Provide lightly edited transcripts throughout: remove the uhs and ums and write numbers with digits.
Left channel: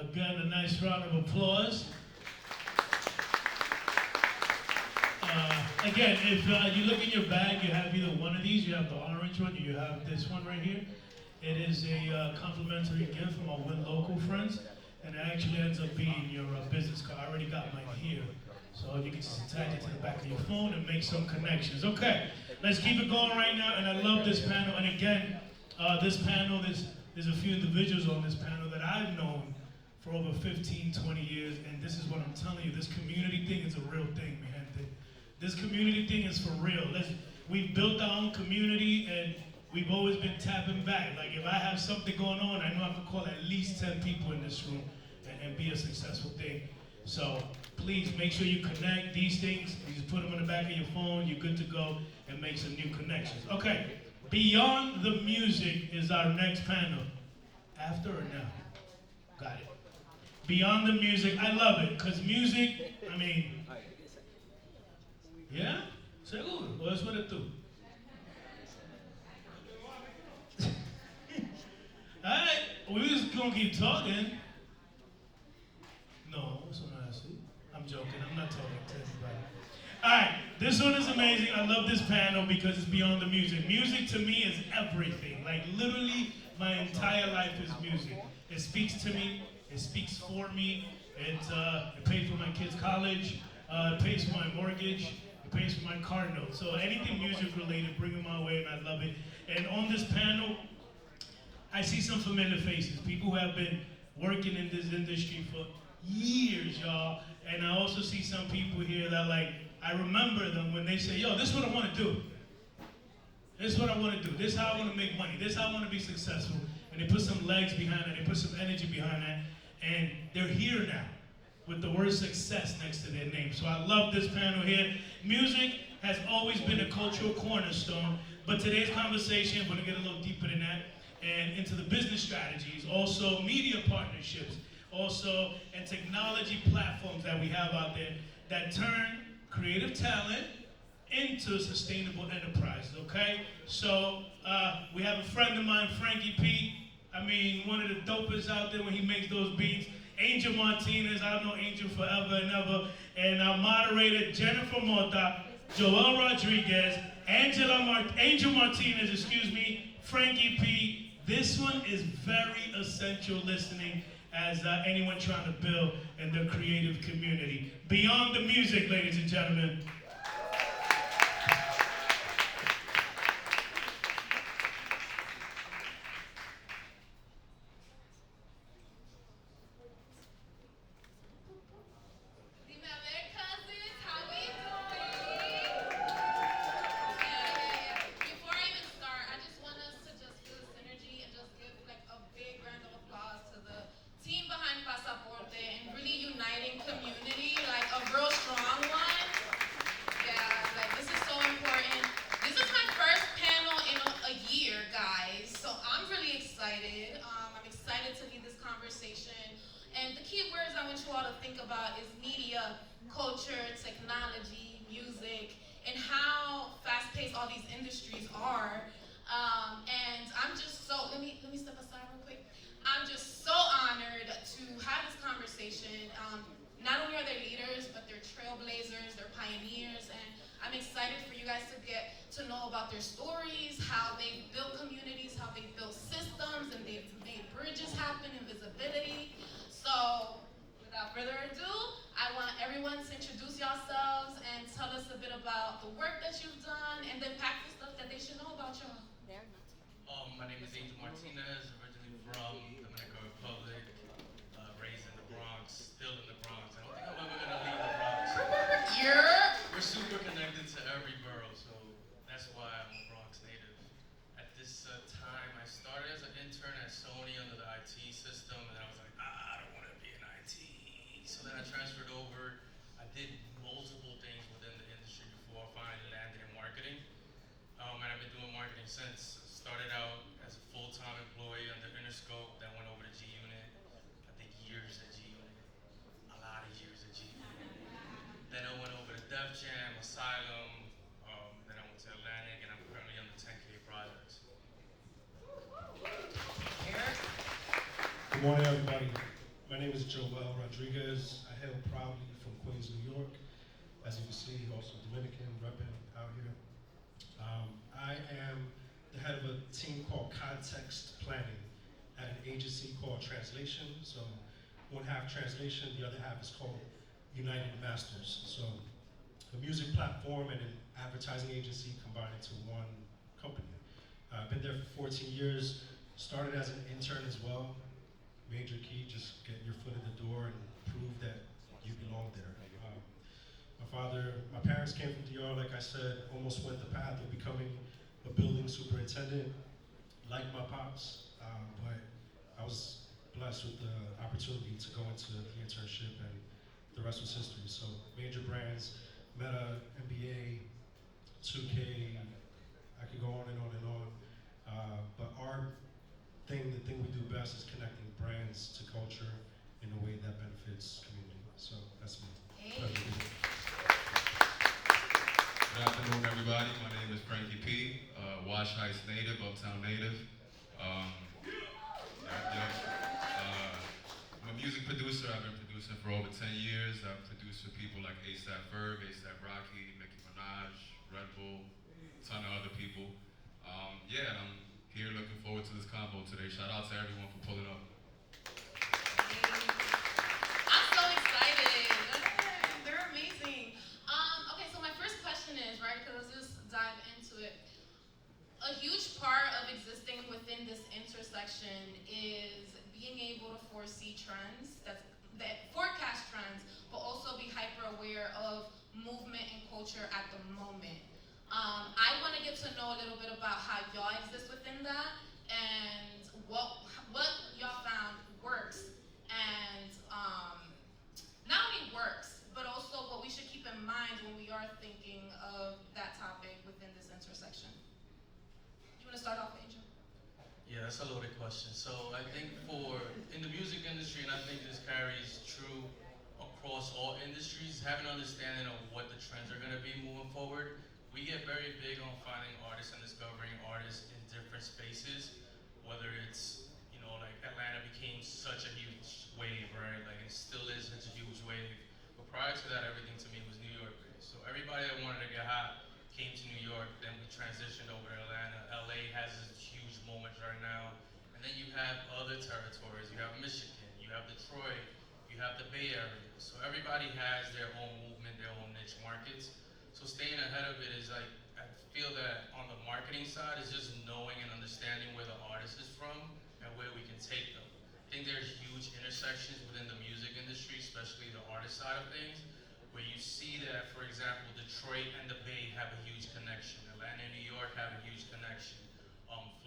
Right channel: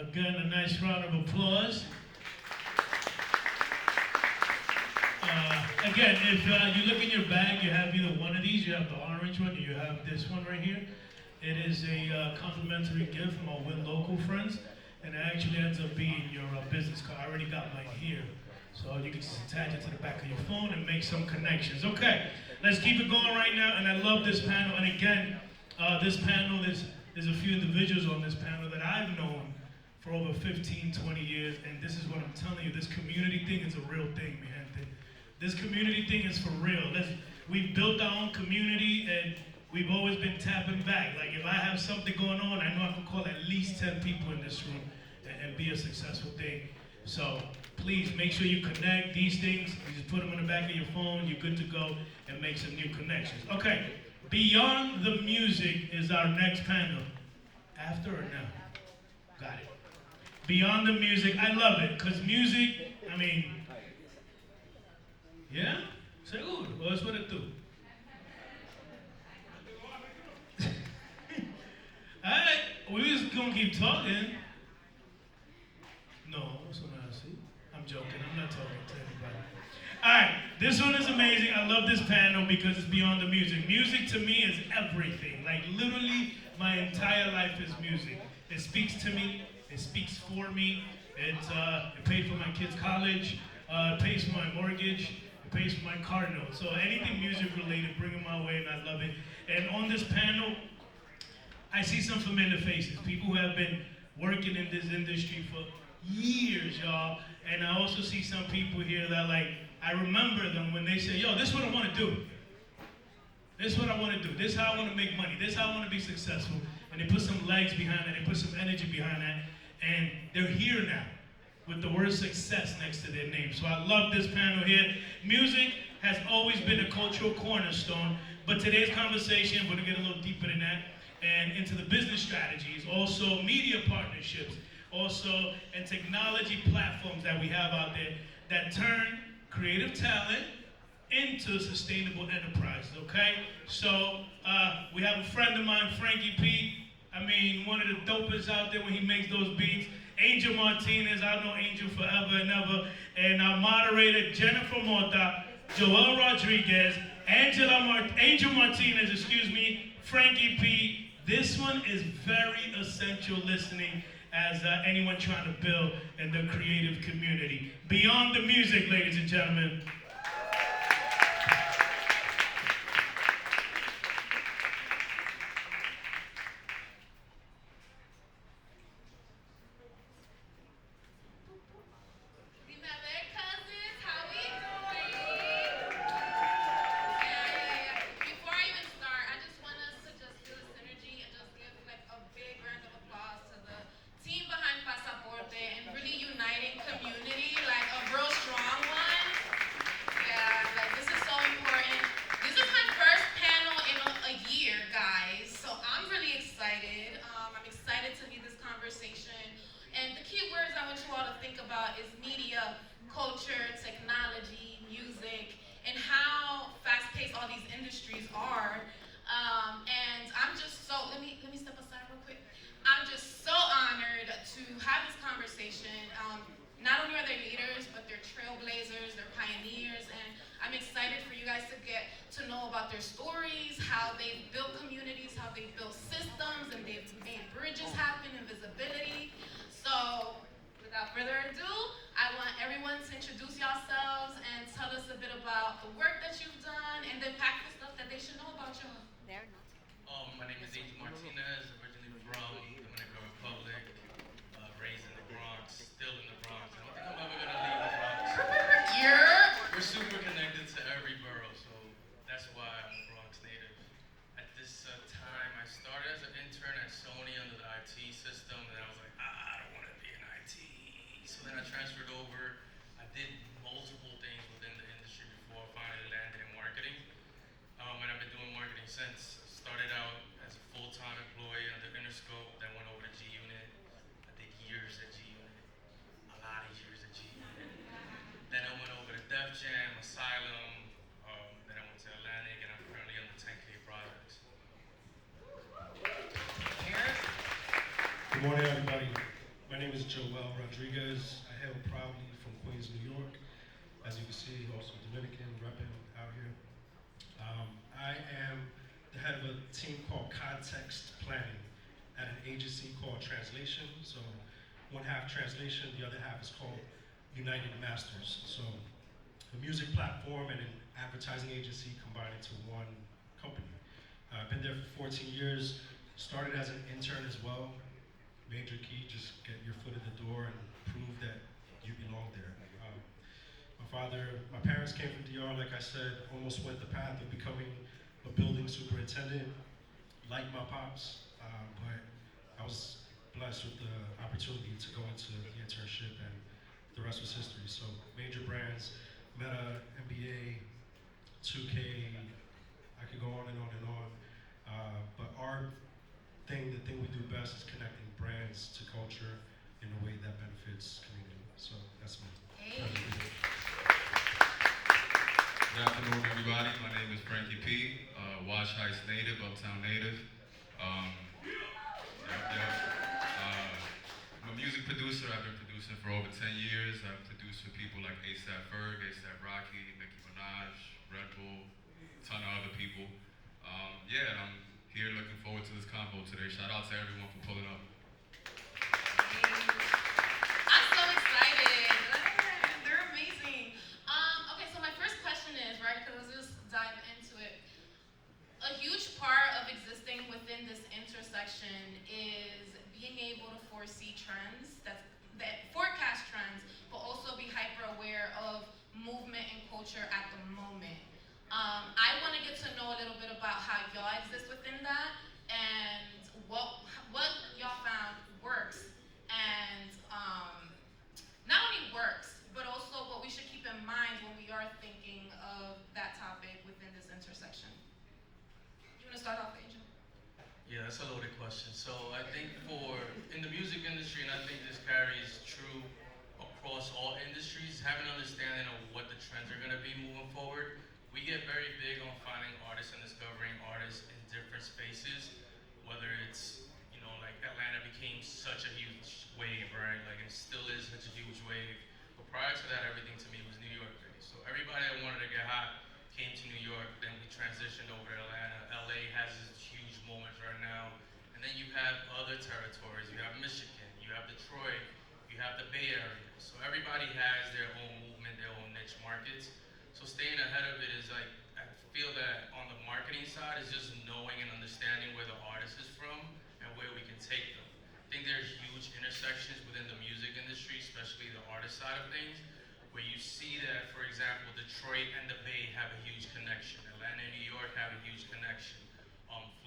Again, a nice round of applause. Again, if you look in your bag, you have either one of these, you have the orange one, or you have this one right here. It is a complimentary gift from our Win Local friends, and it actually ends up being your business card. I already got mine here, so you can just attach it to the back of your phone and make some connections. Okay, let's keep it going right now, and I love this panel. And again, this panel, there's a few individuals on this panel that I've known for over 15, 20 years, and this is what I'm telling you, this community thing is a real thing, man. This community thing is for real. We've built our own community, and we've always been tapping back. Like, if I have something going on, I know I can call at least 10 people in this room and be a successful thing. So please make sure you connect. These things, you just put them in the back of your phone, you're good to go, and make some new connections. Okay, Beyond the Music is our next panel. After or now? Got it. Beyond the Music, I love it, because music, I mean, yeah? Seguro, o eso eres tú. Alright, we just gonna keep talking. No, eso no es así. I'm joking, I'm not talking to anybody. Alright, this one is amazing. I love this panel because it's beyond the music. Music to me is everything. Like, literally, my entire life is music. It speaks to me, it speaks for me. It paid for my kids' college, it pays for my mortgage, it pays for my car note. So anything music related, bring it my way, and I love it. And on this panel, I see some familiar faces, people who have been working in this industry for years, y'all. And I also see some people here that, like, I remember them when they say, yo, this is what I want to do. This is what I want to do. This is how I want to make money. This is how I want to be successful. And they put some legs behind it. They put some energy behind that. And they're here now with the word success next to their name. So I love this panel here. Music has always been a cultural cornerstone. But today's conversation, we're going to get a little deeper than that and into the business strategies, also media partnerships, also and technology platforms that we have out there that turn creative talent into sustainable enterprises, okay? So we have a friend of mine, Frankie P. I mean, one of the dopest out there when he makes those beats. Angel Martinez, I've known Angel forever and ever. And our moderator, Jennifer Mota, Joel Rodriguez, Angel Martinez, excuse me, Frankie P. This one is very essential listening as anyone trying to build in the creative community. Beyond the Music, ladies and gentlemen. Pasaporte and really uniting community, like a real strong one. Yeah, like this is so important. This is my first panel in a year, guys, so I'm really excited. I'm excited to lead this conversation. And the key words I want you all to think about is media, culture, technology, music, and how fast-paced all these industries are. And I'm just so, let me step aside real quick. I'm just so honored to have this conversation. Not only are they leaders, but they're trailblazers, they're pioneers, and I'm excited for you guys to get to know about their stories, how they've built communities, how they've built systems, and they've made bridges happen and visibility. So, without further ado, I want everyone to introduce yourselves and tell us a bit about the work that you've done and the impactful stuff that they should know about y'all. My name is Angel Martinez, originally from Dominican Republic, raised in the Bronx, still in the Bronx. I don't think I'm ever gonna leave the Bronx. We're super connected to every borough, so that's why I'm a Bronx native. At this time, I started as an intern at Sony under the IT system, and I was like, I don't want to be in IT. So then I transferred over. I did multiple things within the industry before I finally landed in marketing. And I've been doing marketing since. Started out as a full-time employee under Interscope, then went over to G-Unit. I did years at G-Unit, a lot of years at G-Unit. Then I went over to Def Jam, Asylum, then I went to Atlantic, and I'm currently on the 10K projects. Good morning, everybody. My name is Joel Rodriguez. I hail proudly from Queens, New York. As you can see, also Dominican, repping out here. I am the head of a team called Context Planning at an agency called Translation. So one half translation, the other half is called Uniting the Masters. So a music platform and an advertising agency combined into one company. I've been there for 14 years, started as an intern as well. Major key, just get your foot in the door and prove that you belong there. My parents came from DR, like I said, almost went the path of becoming a building superintendent, like my pops, but I was blessed with the opportunity to go into the internship, and the rest was history. So major brands, Meta, NBA, 2K, I could go on and on and on. But the thing we do best is connecting brands to culture in a way that benefits community. So that's me. Hey. Pleasure to be here. Good afternoon, everybody. My name is Frankie P, Wash Heights native, Uptown native. I'm a music producer. I've been producing for over 10 years. I've produced for people like A$AP Ferg, A$AP Rocky, Nicki Minaj, Red Bull, a ton of other people. I'm here looking forward to this combo today. Shout out to everyone for pulling up. I'm so excited. They're amazing. Okay, so my first question is, right, because let's just dive into it. A huge part of existing within this intersection is being able to foresee trends, that forecast trends, but also be hyper aware of movement and culture at the moment. I want to get to know a little bit about how y'all exist within that and what y'all found works and not only works, but also what we should keep in mind when we are thinking of that topic within this intersection. You want to start off, Angel? Yeah, that's a loaded question. So I think in the music industry, and I think this carries true across all industries, having an understanding of what the trends are going to be moving forward. We get very big on finding artists and discovering artists in different spaces, whether it's, like Atlanta became such a huge wave, right? Like it still is such a huge wave. But prior to that, everything to me was New York based. So everybody that wanted to get hot came to New York, then we transitioned over to Atlanta. LA has this huge moment right now. And then you have other territories. You have Michigan, you have Detroit, you have the Bay Area. So everybody has their own movement, their own niche markets. So staying ahead of it is like, I feel that on the marketing side is just knowing and understanding where the artist is from and where we can take them. I think there's huge intersections within the music industry, especially the artist side of things, where you see that, for example, Detroit and the Bay have a huge connection. Atlanta and New York have a huge connection.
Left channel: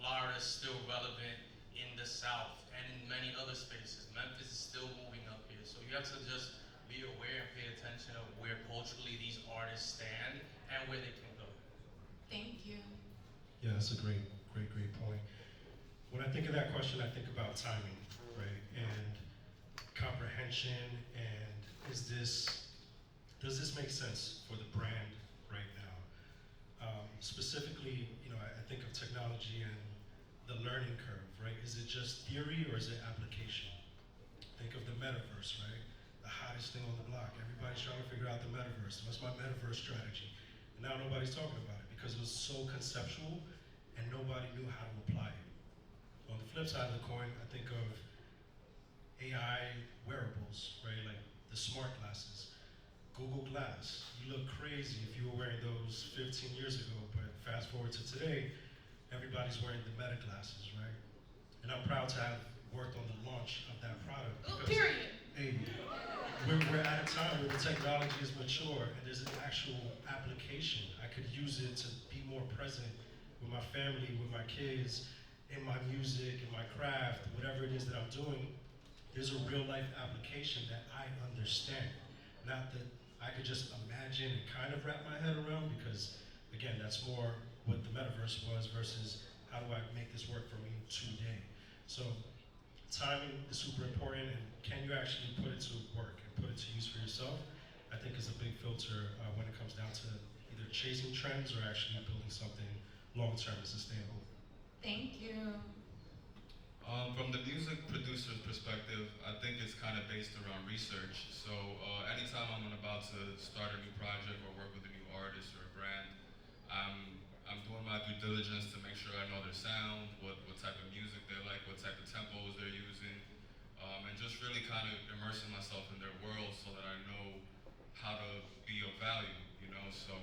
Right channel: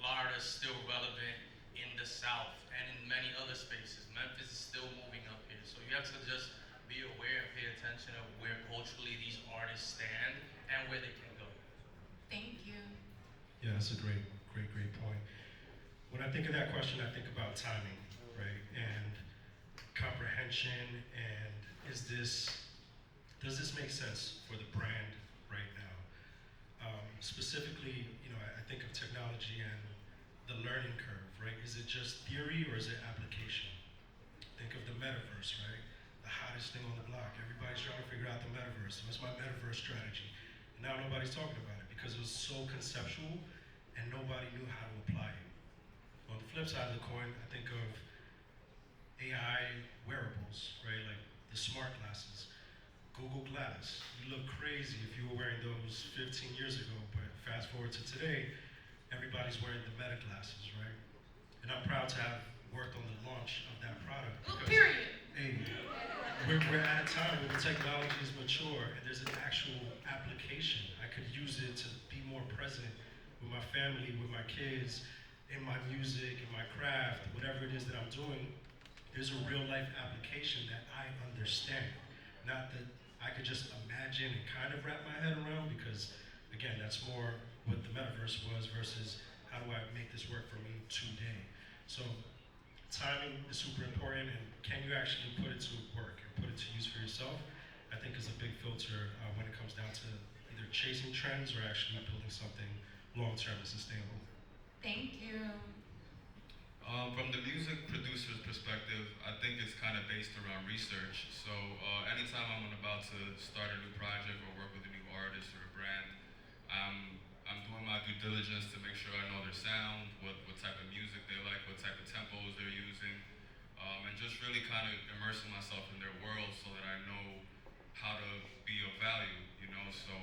Florida is still relevant in the South and in many other spaces. Memphis is still moving up here. So you have to just be aware and pay attention of where culturally these artists stand and where they can go. Thank you. Yeah, that's a great point. When I think of that question, I think about timing, right? And comprehension, and does this make sense for the brand right now? Specifically, I think of technology and the learning curve, right? Is it just theory or is it application? Think of the metaverse, right? The hottest thing on the block. Everybody's trying to figure out the metaverse. What's my metaverse strategy? And now nobody's talking about it because it was so conceptual and nobody knew how to apply it. On the flip side of the coin, I think of AI wearables, right? Like the smart glasses, Google Glass. You look crazy if you were wearing those 15 years ago, but fast forward to today, everybody's wearing the Meta glasses, right? And I'm proud to have worked on the launch of that product. Period. Hey, we're at a time where the technology is mature and there's an actual application. I could use it to be more present with my family, with my kids, in my music, in my craft, whatever it is that I'm doing. There's a real life application that I understand. Not that I could just imagine and kind of wrap my head around, because again, that's more what the metaverse was versus how do I make this work for me today. So timing is super important, and can you actually put it to work and put it to use for yourself, I think is a big filter when it comes down to either chasing trends or actually building something long-term and sustainable. Thank you. From the music producer's perspective, I think it's kind of based around research. So anytime I'm about to start a new project or work with a new artist or a brand, I'm doing my due diligence to make sure I know their sound, what type of music they like, what type of tempos they're using, and just really kind of immersing myself in their world so that I know how to be of value, you know. So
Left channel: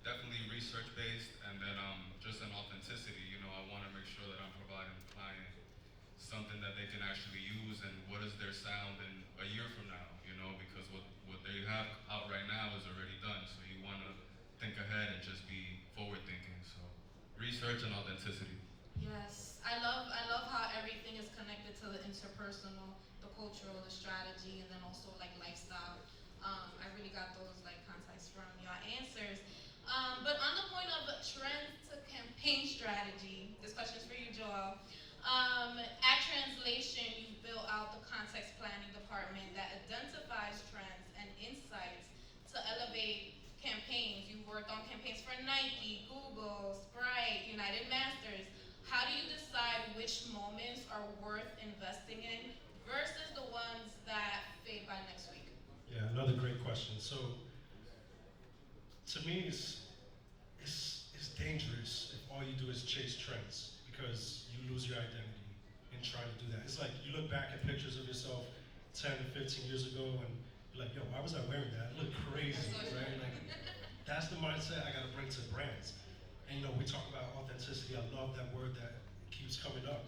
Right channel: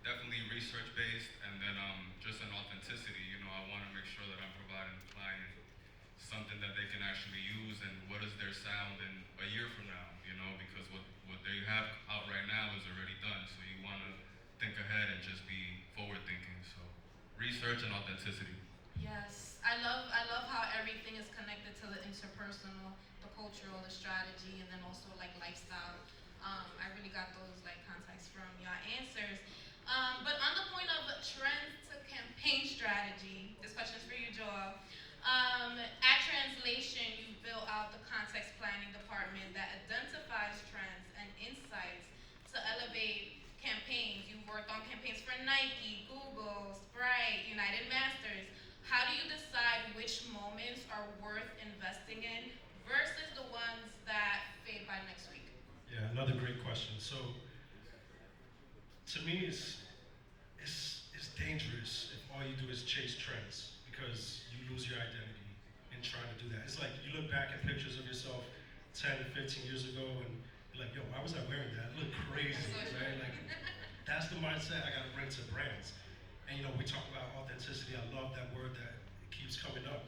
definitely research based, and then just an authenticity. You know, I want to make sure that I'm providing the client something that they can actually use, and what is their sound in a year from now, you know, because what they have out right now is already done. So you want to think ahead and just be forward thinking. So research and authenticity. Yes, I love how everything is connected to the interpersonal, the cultural, the strategy, and then also like lifestyle. I really got those like context from your answers. But on the point of trends to campaign strategy, this question is for you, Joel. At Translation, you've built out the context planning department that identifies trends and insights to elevate campaigns. You've worked on campaigns for Nike, Google, Sprite, United Masters. How do you decide which moments are worth investing in versus the ones that fade by next week? Yeah, another great question. So to me, it's dangerous if all you do is chase trends because you lose your identity in trying to do that. It's like you look back at pictures of yourself 10 to 15 years ago and you're like, yo, why was I wearing that? It looked crazy, right? Like, that's the mindset I gotta bring to brands. And you know, we talk about authenticity. I love that word that keeps coming up.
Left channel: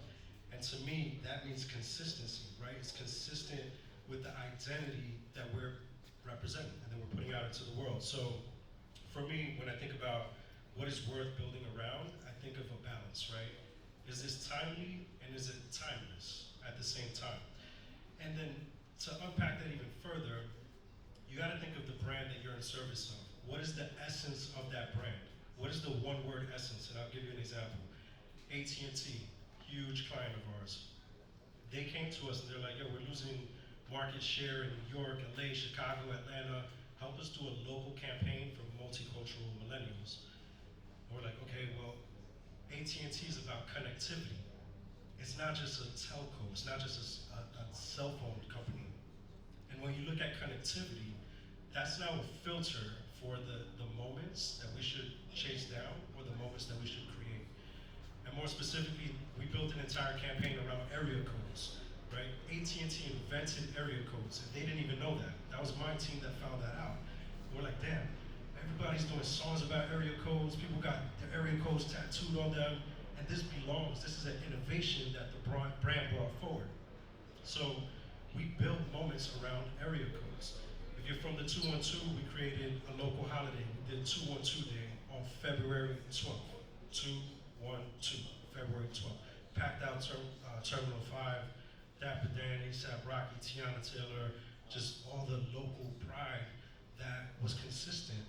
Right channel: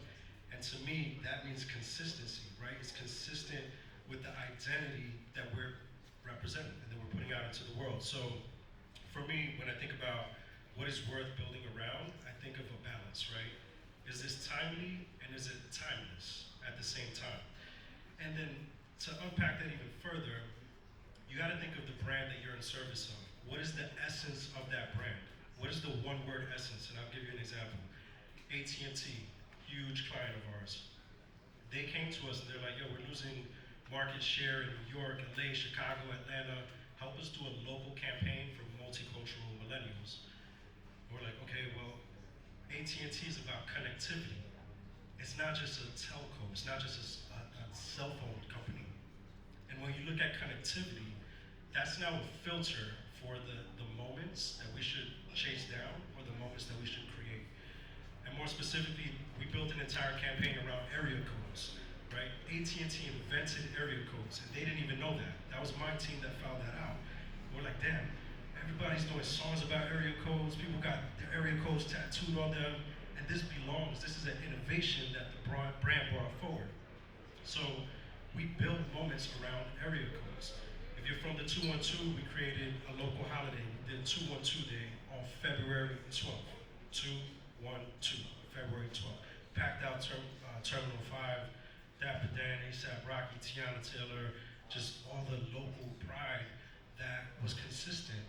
And to me, that means consistency, right? It's consistent with the identity that we're representing and that we're putting out into the world. So for me, when I think about what is worth building around, I think of a balance, right? Is this timely and is it timeless at the same time? And then to unpack that even further, you gotta think of the brand that you're in service of. What is the essence of that brand? What is the one word essence? And I'll give you an example. AT&T, huge client of ours. They came to us and they're like, yo, we're losing market share in New York, LA, Chicago, Atlanta. Help us do a local campaign for multicultural millennials. And we're like, okay, well, AT&T is about connectivity. It's not just a telco, it's not just a cell phone company. And when you look at connectivity, that's now a filter for the moments that we should chase down or the moments that we should create. And more specifically, we built an entire campaign around area codes, right? AT&T invented area codes, and they didn't even know that. That was my team that found that out. We're like, damn, everybody's doing songs about area codes. People got their area codes tattooed on them, and this belongs. This is an innovation that the brand brought forward. So we built moments around area codes. If you're from the 212, we created a local holiday. We did 212 Day on February 12th. 212, February 12th. Packed out Terminal 5, Dapper Dan, A$AP Rocky, Tiana Taylor, just all the local pride that was consistent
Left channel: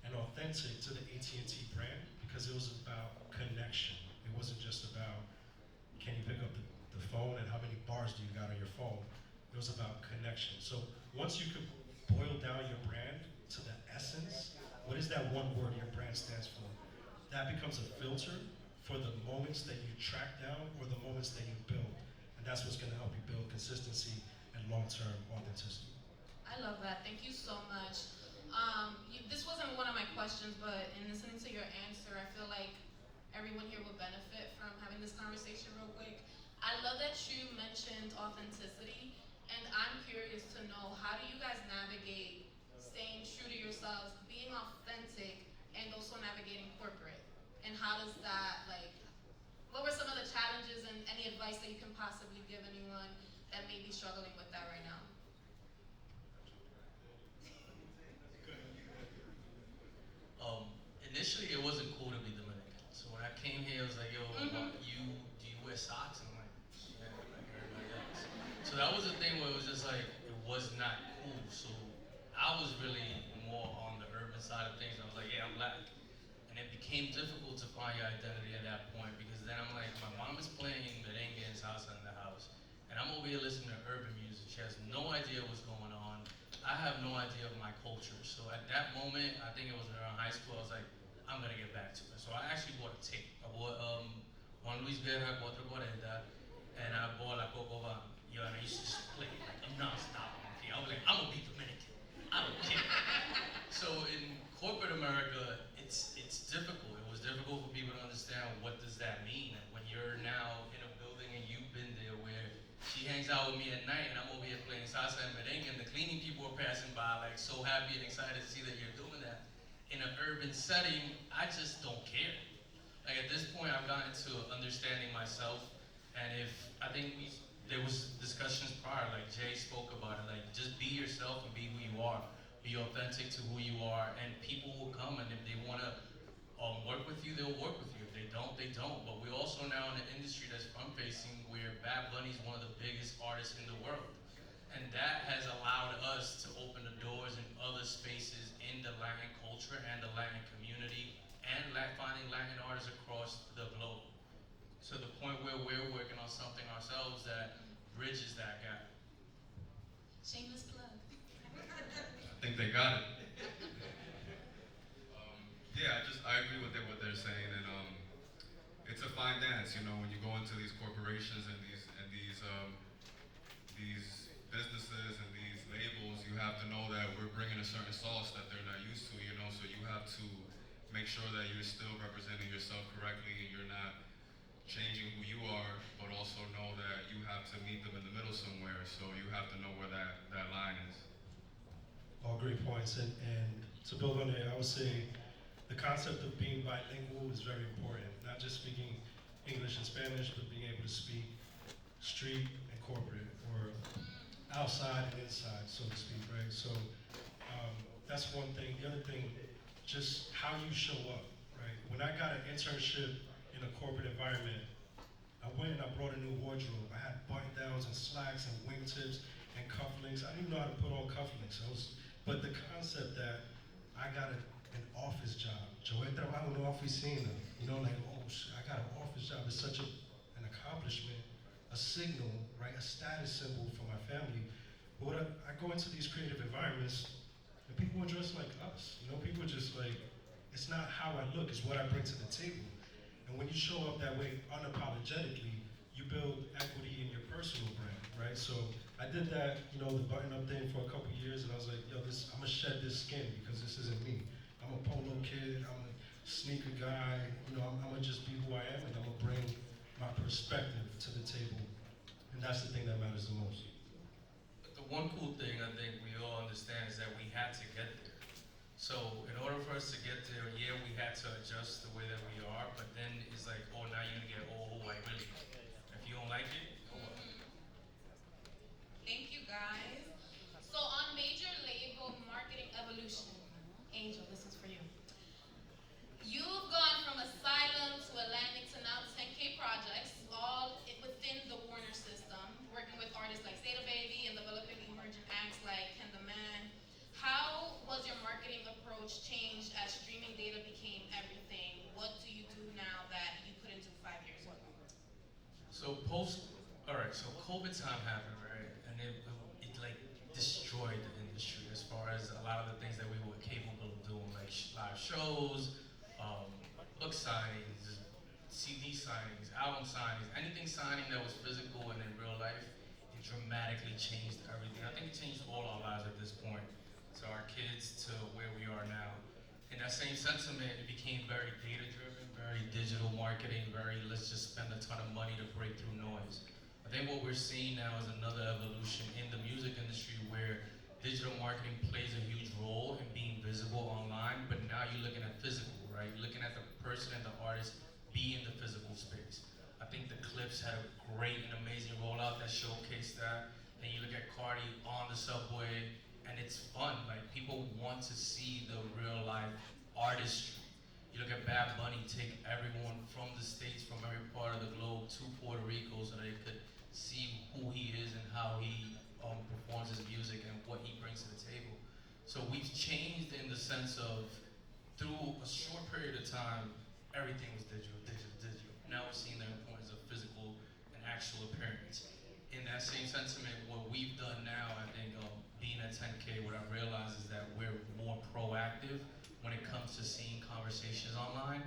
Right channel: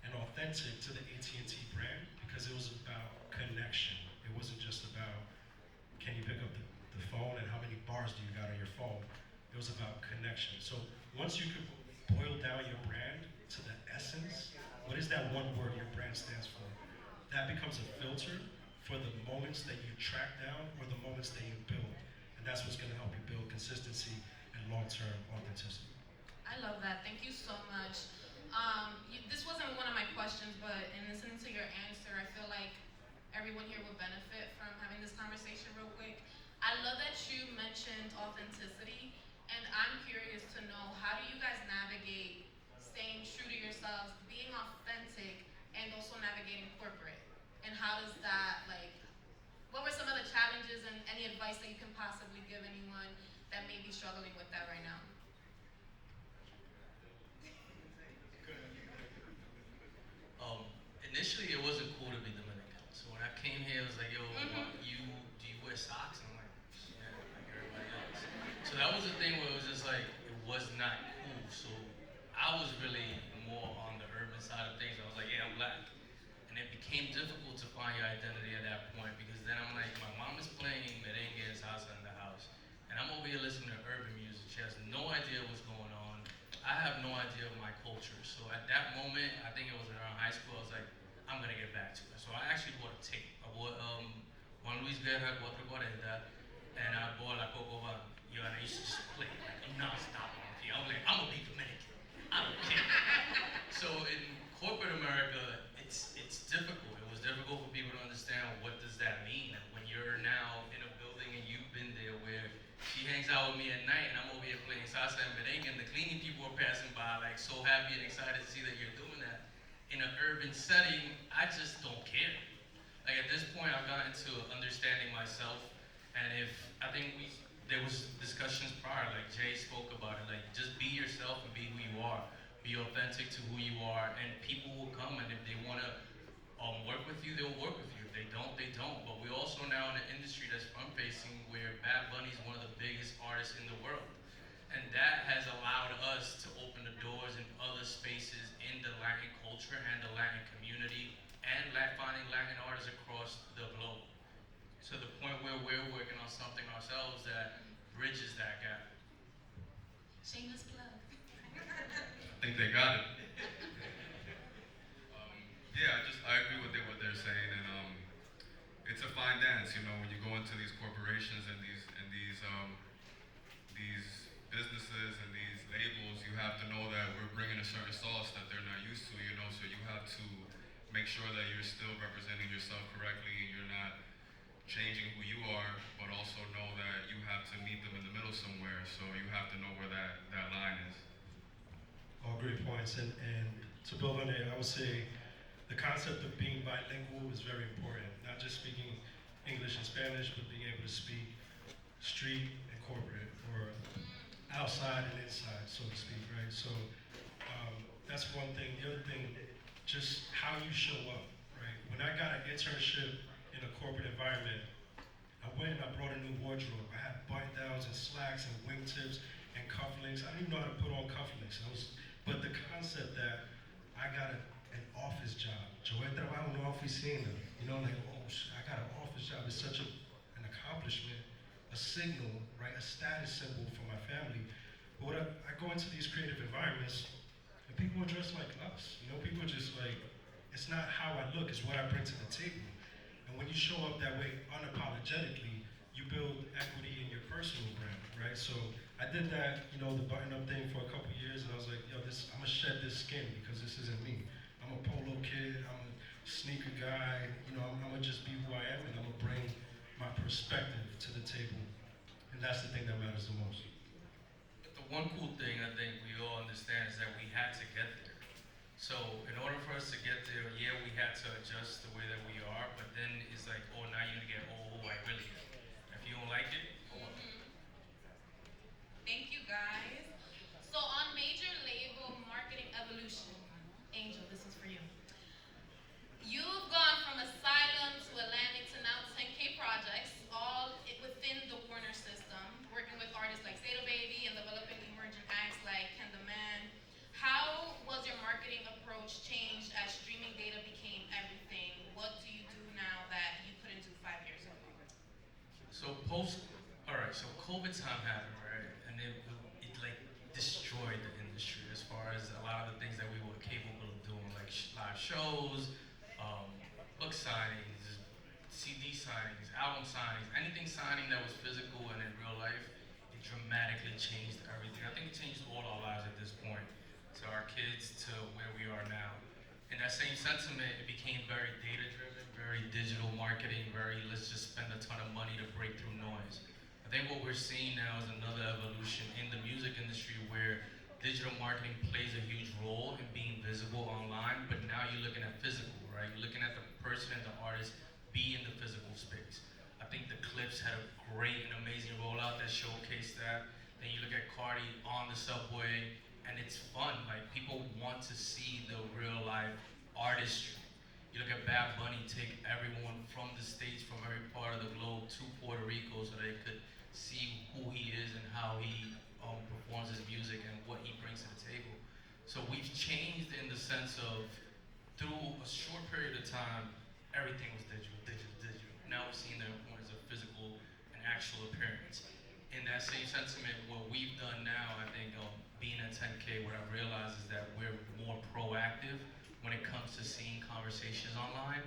and authentic to the AT&T brand because it was about connection. It wasn't just about can you pick up the phone and how many bars do you got on your phone. It was about connection. So once you could boil down your brand to the essence, what is that one word your brand stands for? That becomes a filter for the moments that you track down or the moments that you build. And that's what's gonna help you build consistency and long-term authenticity. I love that. Thank you so much. This wasn't one of my questions, but in listening to your answer, I feel like everyone here will benefit from having this conversation real quick. I love that you mentioned authenticity, and I'm curious to know how do you guys navigate staying true to yourselves, being authentic, and also navigating corporate? And how does that, like, what were some of the challenges and any advice that you can possibly give anyone that may be struggling with that right now? Initially, it wasn't cool to be Dominican. So when I came here, it was like, yo, do you wear socks? And I'm like, yeah, like everybody else. So that was the thing where it was just like, it was not cool. So I was really more on the urban side of things. I was like, yeah, I'm black. And it became difficult to find your identity at that point because then I'm like, my mom is playing merengue and salsa in the house. And I'm over here listening to urban music. She has no idea what's going on. I have no idea of my culture. So at that moment, I think it was around high school, I was like, I'm gonna get back to it. So I actually bought a tape. I bought Juan Luis Guerra, Cuatro Cuarenta, and I bought La Coco Van. Yo, and I used to just play it like a out with me at night, and I'm over here playing salsa and merengue, and the cleaning people are passing by, like so happy and excited to see that you're doing that. In an urban setting, I just don't care. Like at this point, I've gotten to understanding myself, and if I think there was discussions prior, like Jay spoke about it, like just be yourself and be who you are, be authentic to who you are, and people will come, and if they want to work with you, they'll work with you. If they don't, they don't. But we're also now in an industry that's front-facing where Bad Bunny is one of the biggest artists in the world. And that has allowed us to open the doors in other spaces in the Latin culture and the Latin community and finding Latin artists across the globe. To the point where we're working on something ourselves that bridges that gap. Shameless plug. I think they got it. Yeah, I agree with what they're saying, and it's a fine dance, you know, when you go into these corporations and these businesses and these labels, you have to know that we're bringing a certain sauce that they're not used to, you know, so you have to make sure that you're still representing yourself correctly and you're not changing who you are, but also know that you have to meet them in the middle somewhere, so you have to know where that line is. All great points, and to build on it, I would say the concept of being bilingual is very important. Not just speaking English and Spanish, but being able to speak street and corporate, or outside and inside, so to speak, right? So that's one thing. The other thing, just how you show up, right? When I got an internship in a corporate environment, I went and I brought a new wardrobe. I had button downs and slacks and wingtips and cufflinks. I didn't even know how to put on cufflinks. But the concept that I got an office job. Yo trabajo en una oficina. You know, like, oh, I got an office job. It's such an accomplishment, a signal, right? A status symbol for my family. But when I go into these creative environments, and people are dressed like us. You know, people are just like, it's not how I look, it's what I bring to the table. And when you show up that way unapologetically, you build equity in your personal brand, right? So I did that, you know, the button-up thing for a couple years, and I was like, yo, I'm gonna shed this skin because this isn't me. I'm a polo kid, I'm a sneaker guy, you know, I'm gonna just be who I am, and I'm gonna bring my perspective to the table. And that's the thing that matters the most. But the one cool thing I think we all understand is that we had to get there. So in order for us to get there, yeah, we had to adjust the way that we are, but then it's like, oh, now you're gonna get who I really am. If you don't like it, oh well. Thank you, guys. So on major label marketing evolution, Angel, this was for you. You've gone from Asylum to Atlantic to now 10K projects, all within the Warner system, working with artists like State Baby and developing emerging acts like Ken the Man. How was your marketing approach changed as streaming data became everything? What do you do now that you couldn't do 5 years ago? So so COVID time happened, right? And it like destroyed the industry as far as a lot of the things that we were capable of doing, like live shows, book signings, CD signings, album signings, anything signing that was physical and in real life, it dramatically changed everything. I think it changed all our lives at this point, to our kids, to where we are now. In that same sentiment, it became very data-driven, very digital marketing, very let's just spend a ton of money to break through noise. I think what we're seeing now is another evolution in the music industry where digital marketing plays a huge role in being visible online, but now you're looking at physical, right? You're looking at the person and the artist be in the physical space. I think the Clips had a great and amazing rollout that showcased that. Then you look at Cardi on the subway, and it's fun. Like, people want to see the real life artistry. You look at Bad Bunny take everyone from the States, from every part of the globe to Puerto Rico so they could see who he is and how he performs his music and what he brings to the table. So we've changed in the sense of, through a short period of time, everything was digital. Now we're seeing the importance of physical and actual appearance. In that same sentiment, what we've done now, I think, being at 10K, what I've realized is that we're more proactive when it comes to seeing conversations online,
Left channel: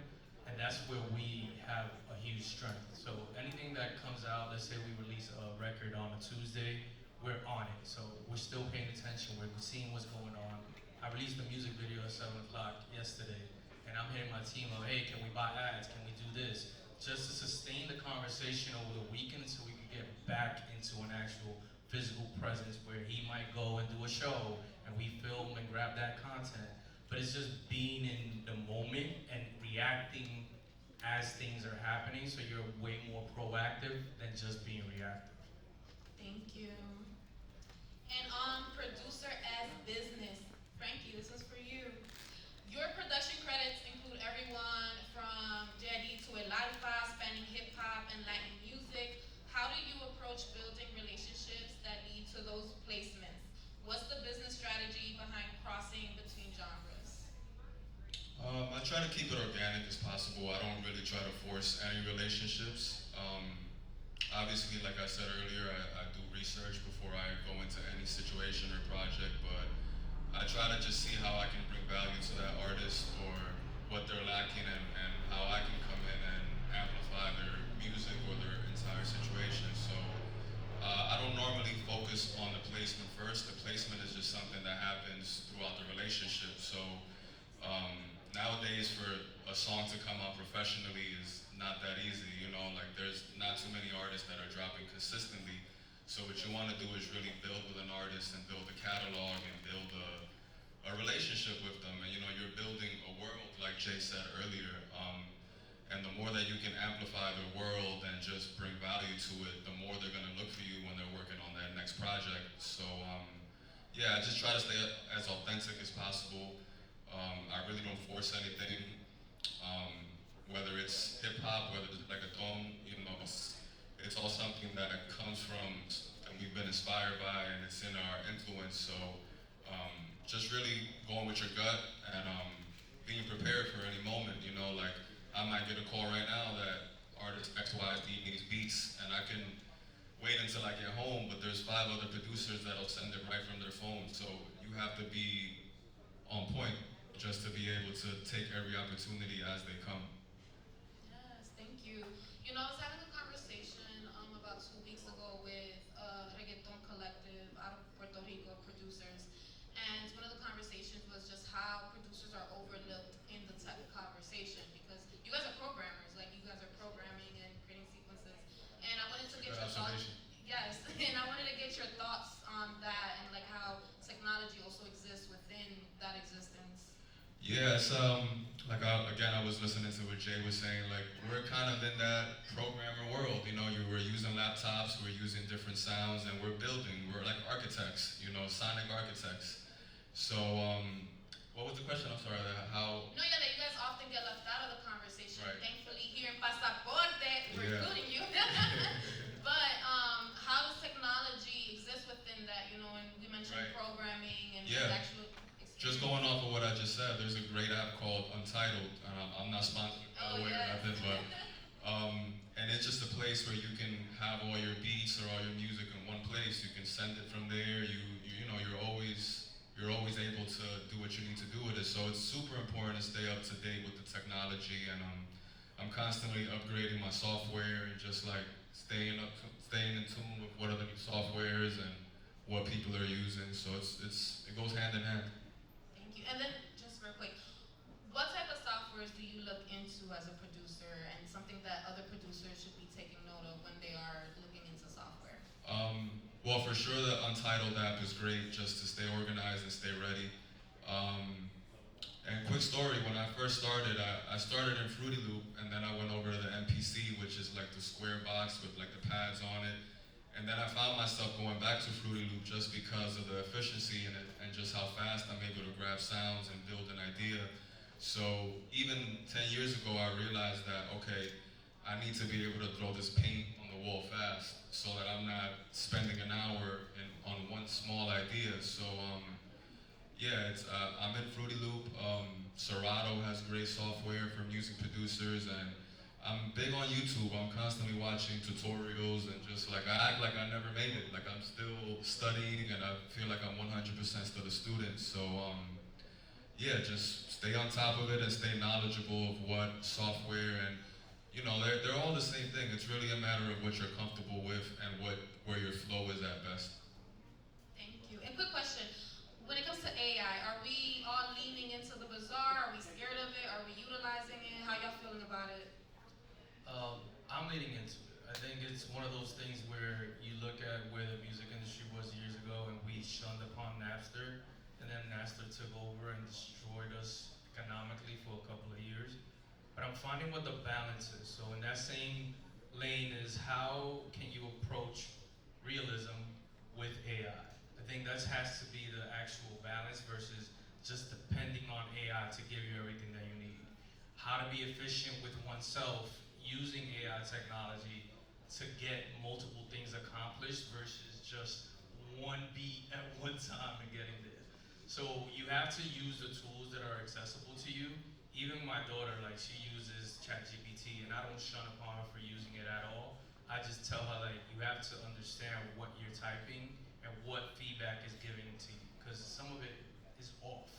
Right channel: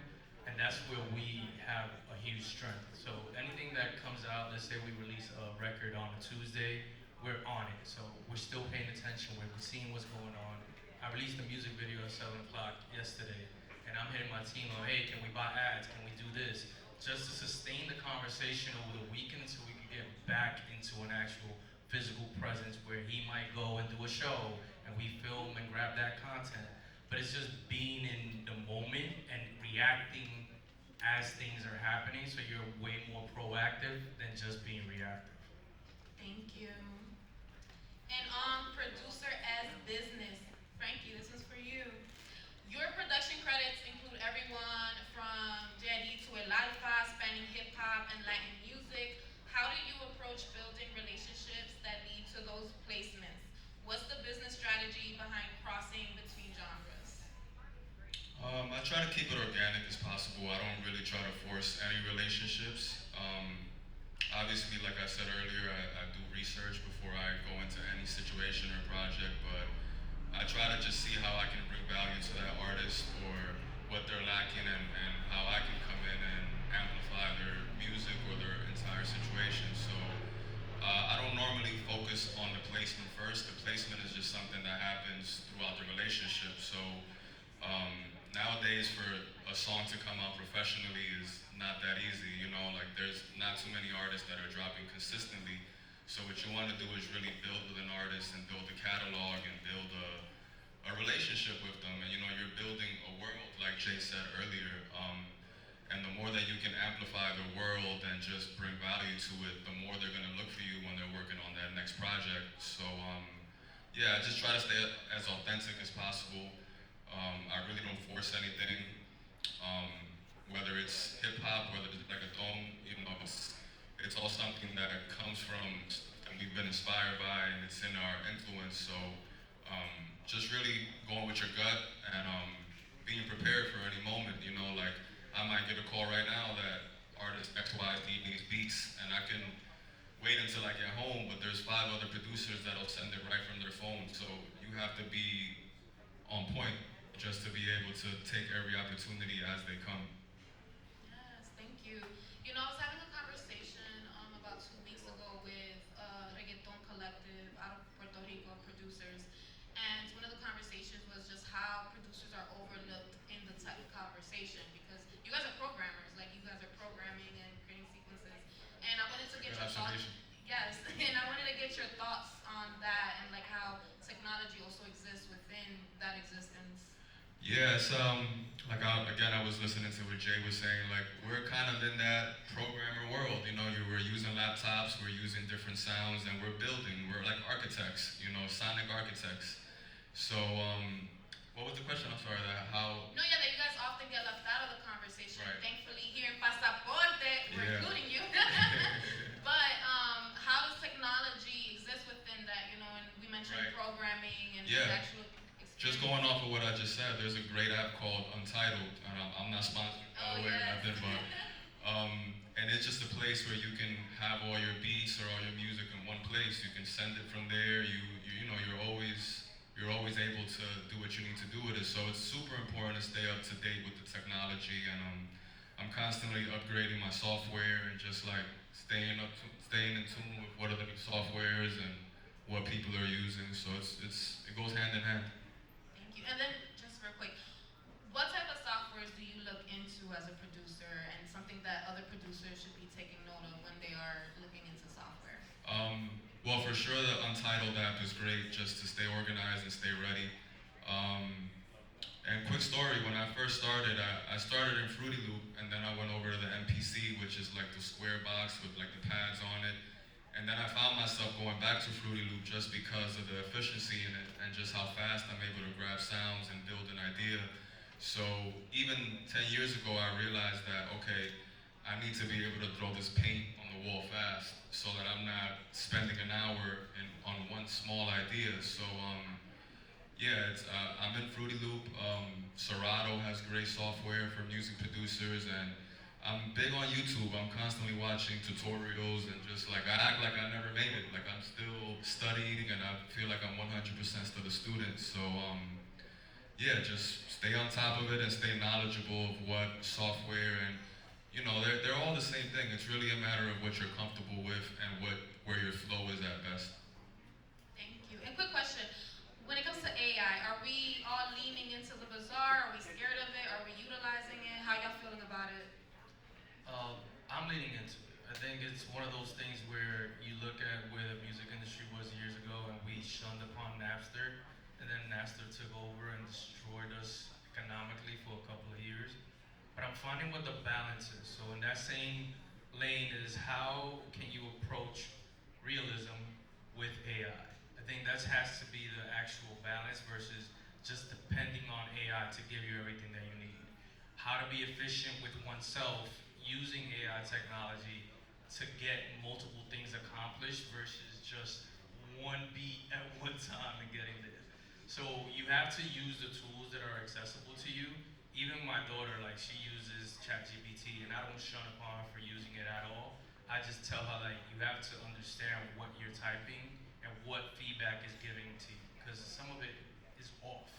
and that's where we have a huge strength. So anything that comes out, let's say we release a record on a Tuesday, we're on it. So we're still paying attention, we're seeing what's going on. I released a music video at 7 o'clock yesterday, and I'm hitting my team up, hey, can we buy ads, can we do this? Just to sustain the conversation over the weekend so we can get back into an actual a show and we film and grab that content, but it's just being in the moment and reacting as things are happening, so you're way more proactive than just being reactive. Thank you. And producer as business. Frankie, this is for you. Your production credits include everyone from Jetty to El Alfa, spanning hip hop and Latin music. How do you approach building relationships that lead to those placements? What's the business strategy behind crossing between genres? I try to keep it organic as possible. I don't really try to force any relationships. Obviously, like I said earlier, I do research before I go into any situation or project, but I try to just see how I can bring value to that artist or what they're lacking, and how I can come in and amplify their music or their entire situation. So I don't normally focus on the placement first. The placement is just something that happens throughout the relationship. So nowadays, for a song to come out professionally is not that easy. You know, like there's not too many artists that are dropping consistently. So what you want to do is really build with an artist and build a catalog and build a relationship with them. And you know, you're building a world, like Jay said earlier. And the more that you can amplify the world and just bring value to it, the more they're gonna look for you when they're working on that next project. So yeah, I just try to stay as authentic as possible. I really don't force anything. Whether it's hip hop, whether it's reggaeton, you know, it's all something that comes from and we've been inspired by, and it's in our influence. So just really going with your gut and being prepared for any moment. You know, like I might get a call right now that artist XYZ needs beats, and I can wait until I get home, but there's 5 other producers that'll send it right from their phone. So you have to be on point just to be able to take every opportunity as they come. Yes, thank you. You know, I was having a conversation about 2 weeks ago with a reggaeton collective out of Puerto Rico, producers, and one of the conversations was just how producers are overlooked in the tech conversation, because you guys are programmers, like you guys are programming and creating sequences, and I wanted to get Good your thoughts. observation. Yes, and I wanted to get your thoughts on that and like how technology also exists within that existence. Yeah, it's like again, I was listening to what Jay was saying. Like we're kind of in that programmer world. You know, we're using laptops, we're using different sounds, and we're building. We're like architects. You know, sonic architects. So what was the question? I'm sorry. How? No, yeah, that you guys often get left out of the conversation. Right. Thankfully, here in Pasaporte, we're Yeah. including you. But how does technology exist within that? You know, and we mentioned Right. programming and Yeah. the actual experience. Just going off of what I just said, there's a great app called Untitled, and I'm not sponsored by the way or yes. nothing, but and it's just a place where you can have all your beats or all your music in one place. You can send it from there. You know you're always able to do what you need to do with it. So it's super important to stay up to date with the technology, and I'm constantly upgrading my software and just like staying in tune with what are the new softwares and what people are using. So it goes hand in hand. Thank you. And then, just real quick, what type of softwares do you look into as a producer, and something that other producers should be taking note of when they are looking into software? Well, for sure, the Untitled app is great just to stay organized and stay ready. And quick story, when I first started, I started in Fruity Loop, and then I went over to the MPC, which is like the square box with like the pads on it. And then I found myself going back to Fruity Loop just because of the efficiency in it and just how fast I'm able to grab sounds and build an idea. So even 10 years ago, I realized that, okay, I need to be able to throw this paint on the wall fast so that I'm not spending an hour on one small idea. So yeah, I'm in Fruity Loop. Serato has great software for music producers, and I'm big on YouTube. I'm constantly watching tutorials and just like I act like I never made it. Like I'm still studying and I feel like I'm 100% still a student. So yeah, just stay on top of it and stay knowledgeable of what software, and you know they're all the same thing. It's really a matter of what you're comfortable with and where your flow is at best. Thank you. And quick question. When it comes to AI, are we all leaning into the bazaar? Are we scared of it? Are we utilizing it? How y'all feeling about it? I'm leaning into it. I think it's one of those things where you look at where the music industry was years ago, and we shunned upon that destroyed us economically for a couple of years. But I'm finding what the balance is. So in that same lane is how can you approach realism with AI? I think that has to be the actual balance versus just depending on AI to give you everything that you need. How to be efficient with oneself using AI technology to get multiple things accomplished versus just one beat at one time and getting there. So you have to use the tools that are accessible to you. Even my daughter, like she uses ChatGPT, and I don't shun upon her for using it at all. I just tell her like you have to understand what you're typing and what feedback is giving to you, because some of it is off.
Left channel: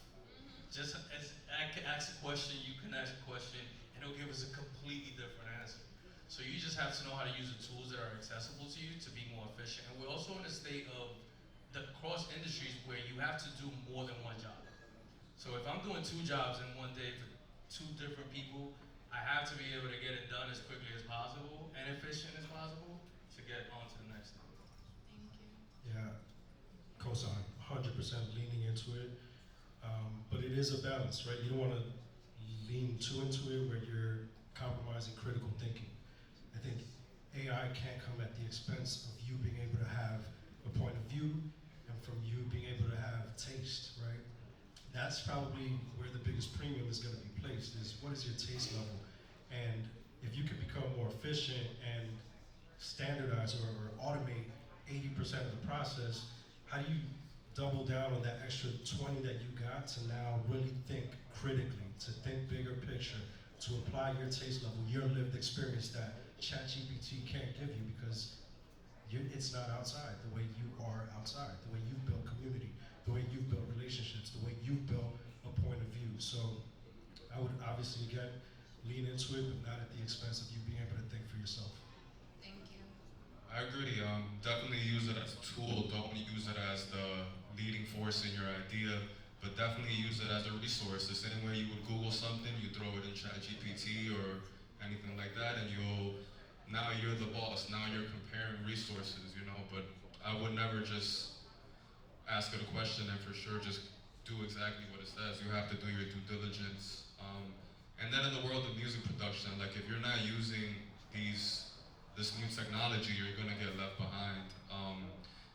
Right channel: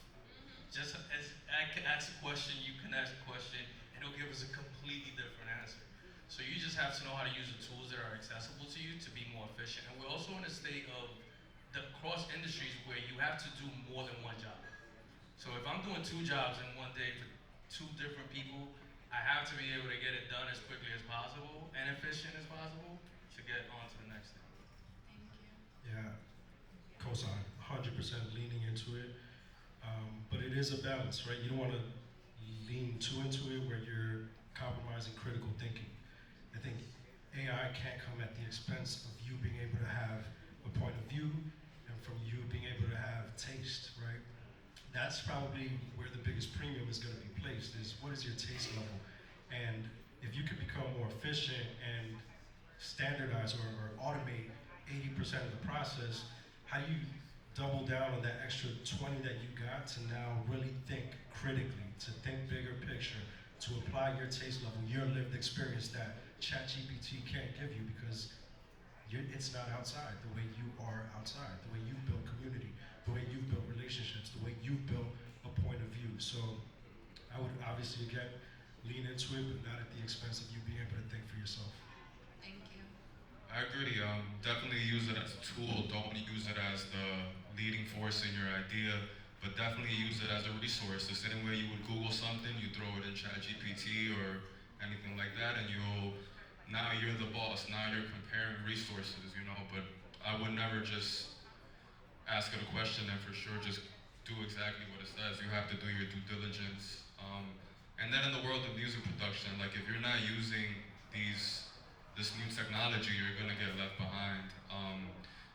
Just as I can ask a question, you can ask a question, and it'll give us a completely different answer. So you just have to know how to use the tools that are accessible to you to be more efficient. And we're also in a state of the cross industries where you have to do more than one job. So if I'm doing 2 jobs in one day for 2 different people, I have to be able to get it done as quickly as possible and efficient as possible to get on to the next thing. Thank you. Yeah, cosign, 100% leaning into it. But it is a balance, right? You don't want to lean too into it where you're compromising critical thinking. I think AI can't come at the expense of you being able to have a point of view and from you being able to have taste, right? That's probably where the biggest premium is going to be placed, is what is your taste level? And if you could become more efficient and standardize or automate 80% of the process, how do you double down on that extra 20 that you got to now really think critically, to think bigger picture, to apply your taste level, your lived experience that ChatGPT can't give you because it's not outside the way you are outside, the way you build community, the way you build relationships, the way you build a point of view. So I would obviously, again, lean into it, but not at the expense of you being able to think for yourself. Thank you. I agree. Definitely use it as a tool. Don't use it as the leading force in your idea, but definitely use it as a resource. The same way you would Google something, you throw it in ChatGPT or anything like that, and now you're the boss. Now you're comparing resources, But I would never just ask it a question and for sure just do exactly what it says. You have to do your due diligence. And then in the world of music production, like if you're not using this new technology, you're gonna get left behind.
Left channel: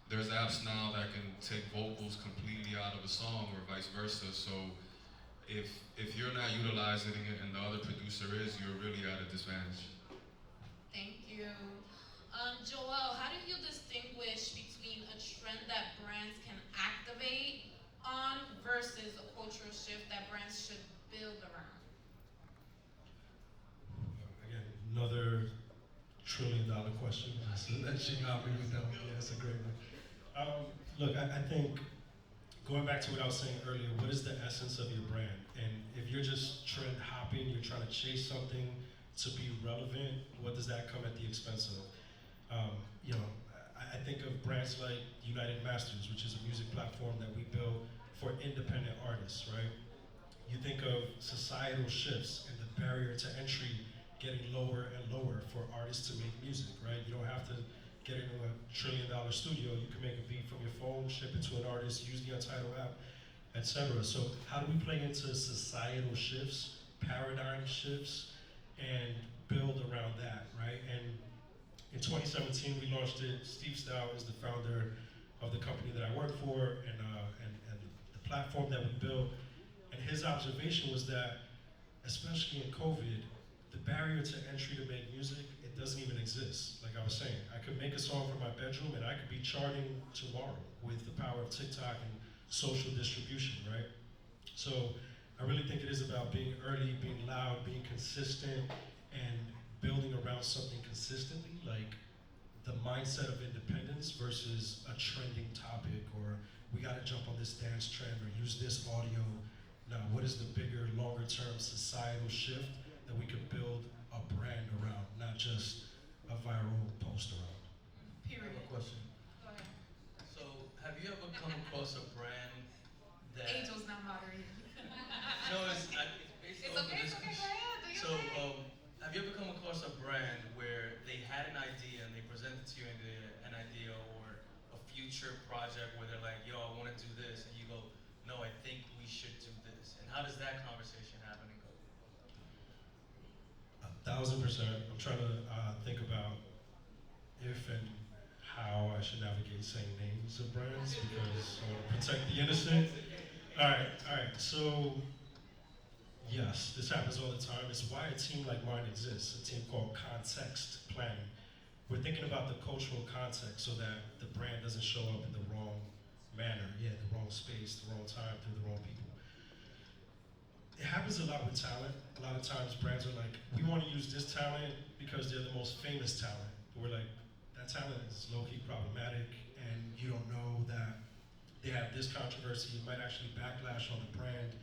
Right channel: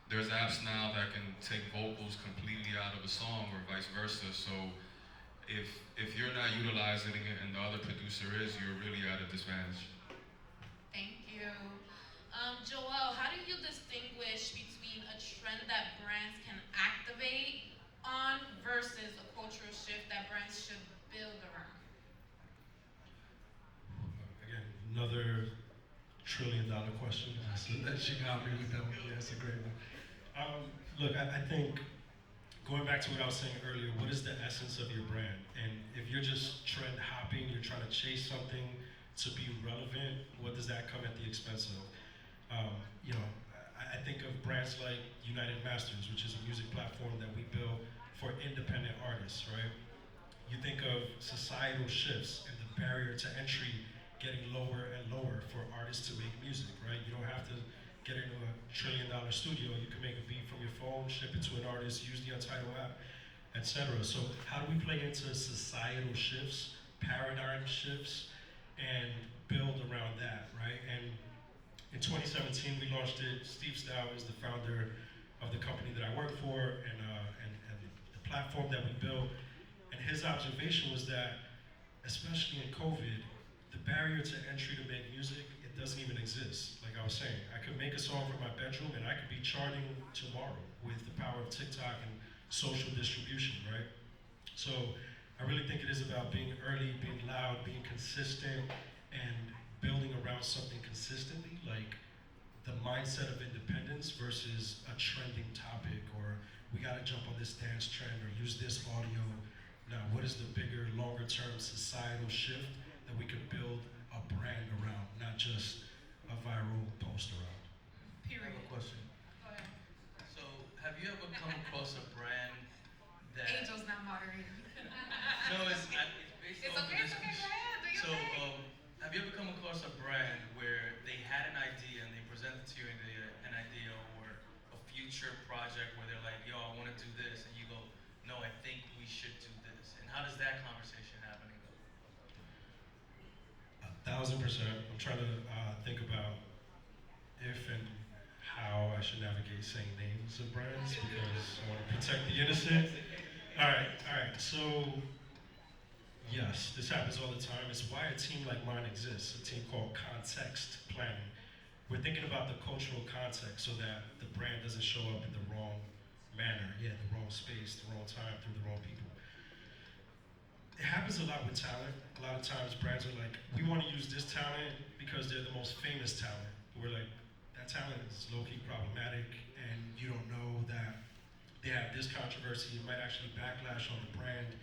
There's apps now that can take vocals completely out of a song or vice versa. So if you're not utilizing it and the other producer is, you're really at a disadvantage. Thank you. Joel, how do you distinguish between a trend that brands can activate on versus a cultural shift that brands should build around? Again, another $1 trillion question. So that she got me with that one. Yeah, that's a great one. Look, I think going back to what I was saying earlier, what is the essence of your brand? And if you're just trend hopping, you're trying to chase something to be relevant, what does that come at the expense of? I think of brands like United Masters, which is a music platform that we build for independent artists, right? You think of societal shifts and the barrier to entry getting lower and lower for artists to make music, right? You don't have to get into a $1 trillion studio. You can make a beat from your phone, ship it to an artist, use the Untitled app, etc. So how do we play into societal shifts, paradigm shifts, and build around that, right? And in 2017, we launched it. Steve Stow is the founder of the company that I work for and the platform that we built. And his observation was that, especially in COVID, the barrier to entry to make music, it doesn't even exist. Like I was saying, I could make a song from my bedroom and I could be charting tomorrow with the power of TikTok and social distribution, right? So I really think it is about being early, being loud, being consistent, and building around something consistently, like the mindset of independence versus a trending topic, or we gotta jump on this dance trend or use this audio. Now, what is the bigger, longer term societal shift that we could build a brand around, not just a viral post around? I have a question. Go ahead. So, have you ever come across a brand that... Angel's not moderating. No, it's based It's off okay, of it's this. okay, go ahead, do your So, thing. have you ever come across a brand where they had an idea and they presented to you an idea or a future project where they're like, yo, I want to do this, and you go, no, I think we should do this? And how does that conversation happen and go? 1,000%. I'm trying to think about if and how I should navigate saying names of brands because I want to protect the innocent. All right. So, yes, this happens all the time. It's why a team like mine exists, a team called Context Planning. We're thinking about the cultural context so that the brand doesn't show up in the wrong manner, the wrong space, the wrong time, through the wrong people. It happens a lot with talent. A lot of times brands are like, we want to use this talent because they're the most famous talent. But we're like, that talent is low-key problematic and you don't know that they have this controversy. It might actually backlash on the brand.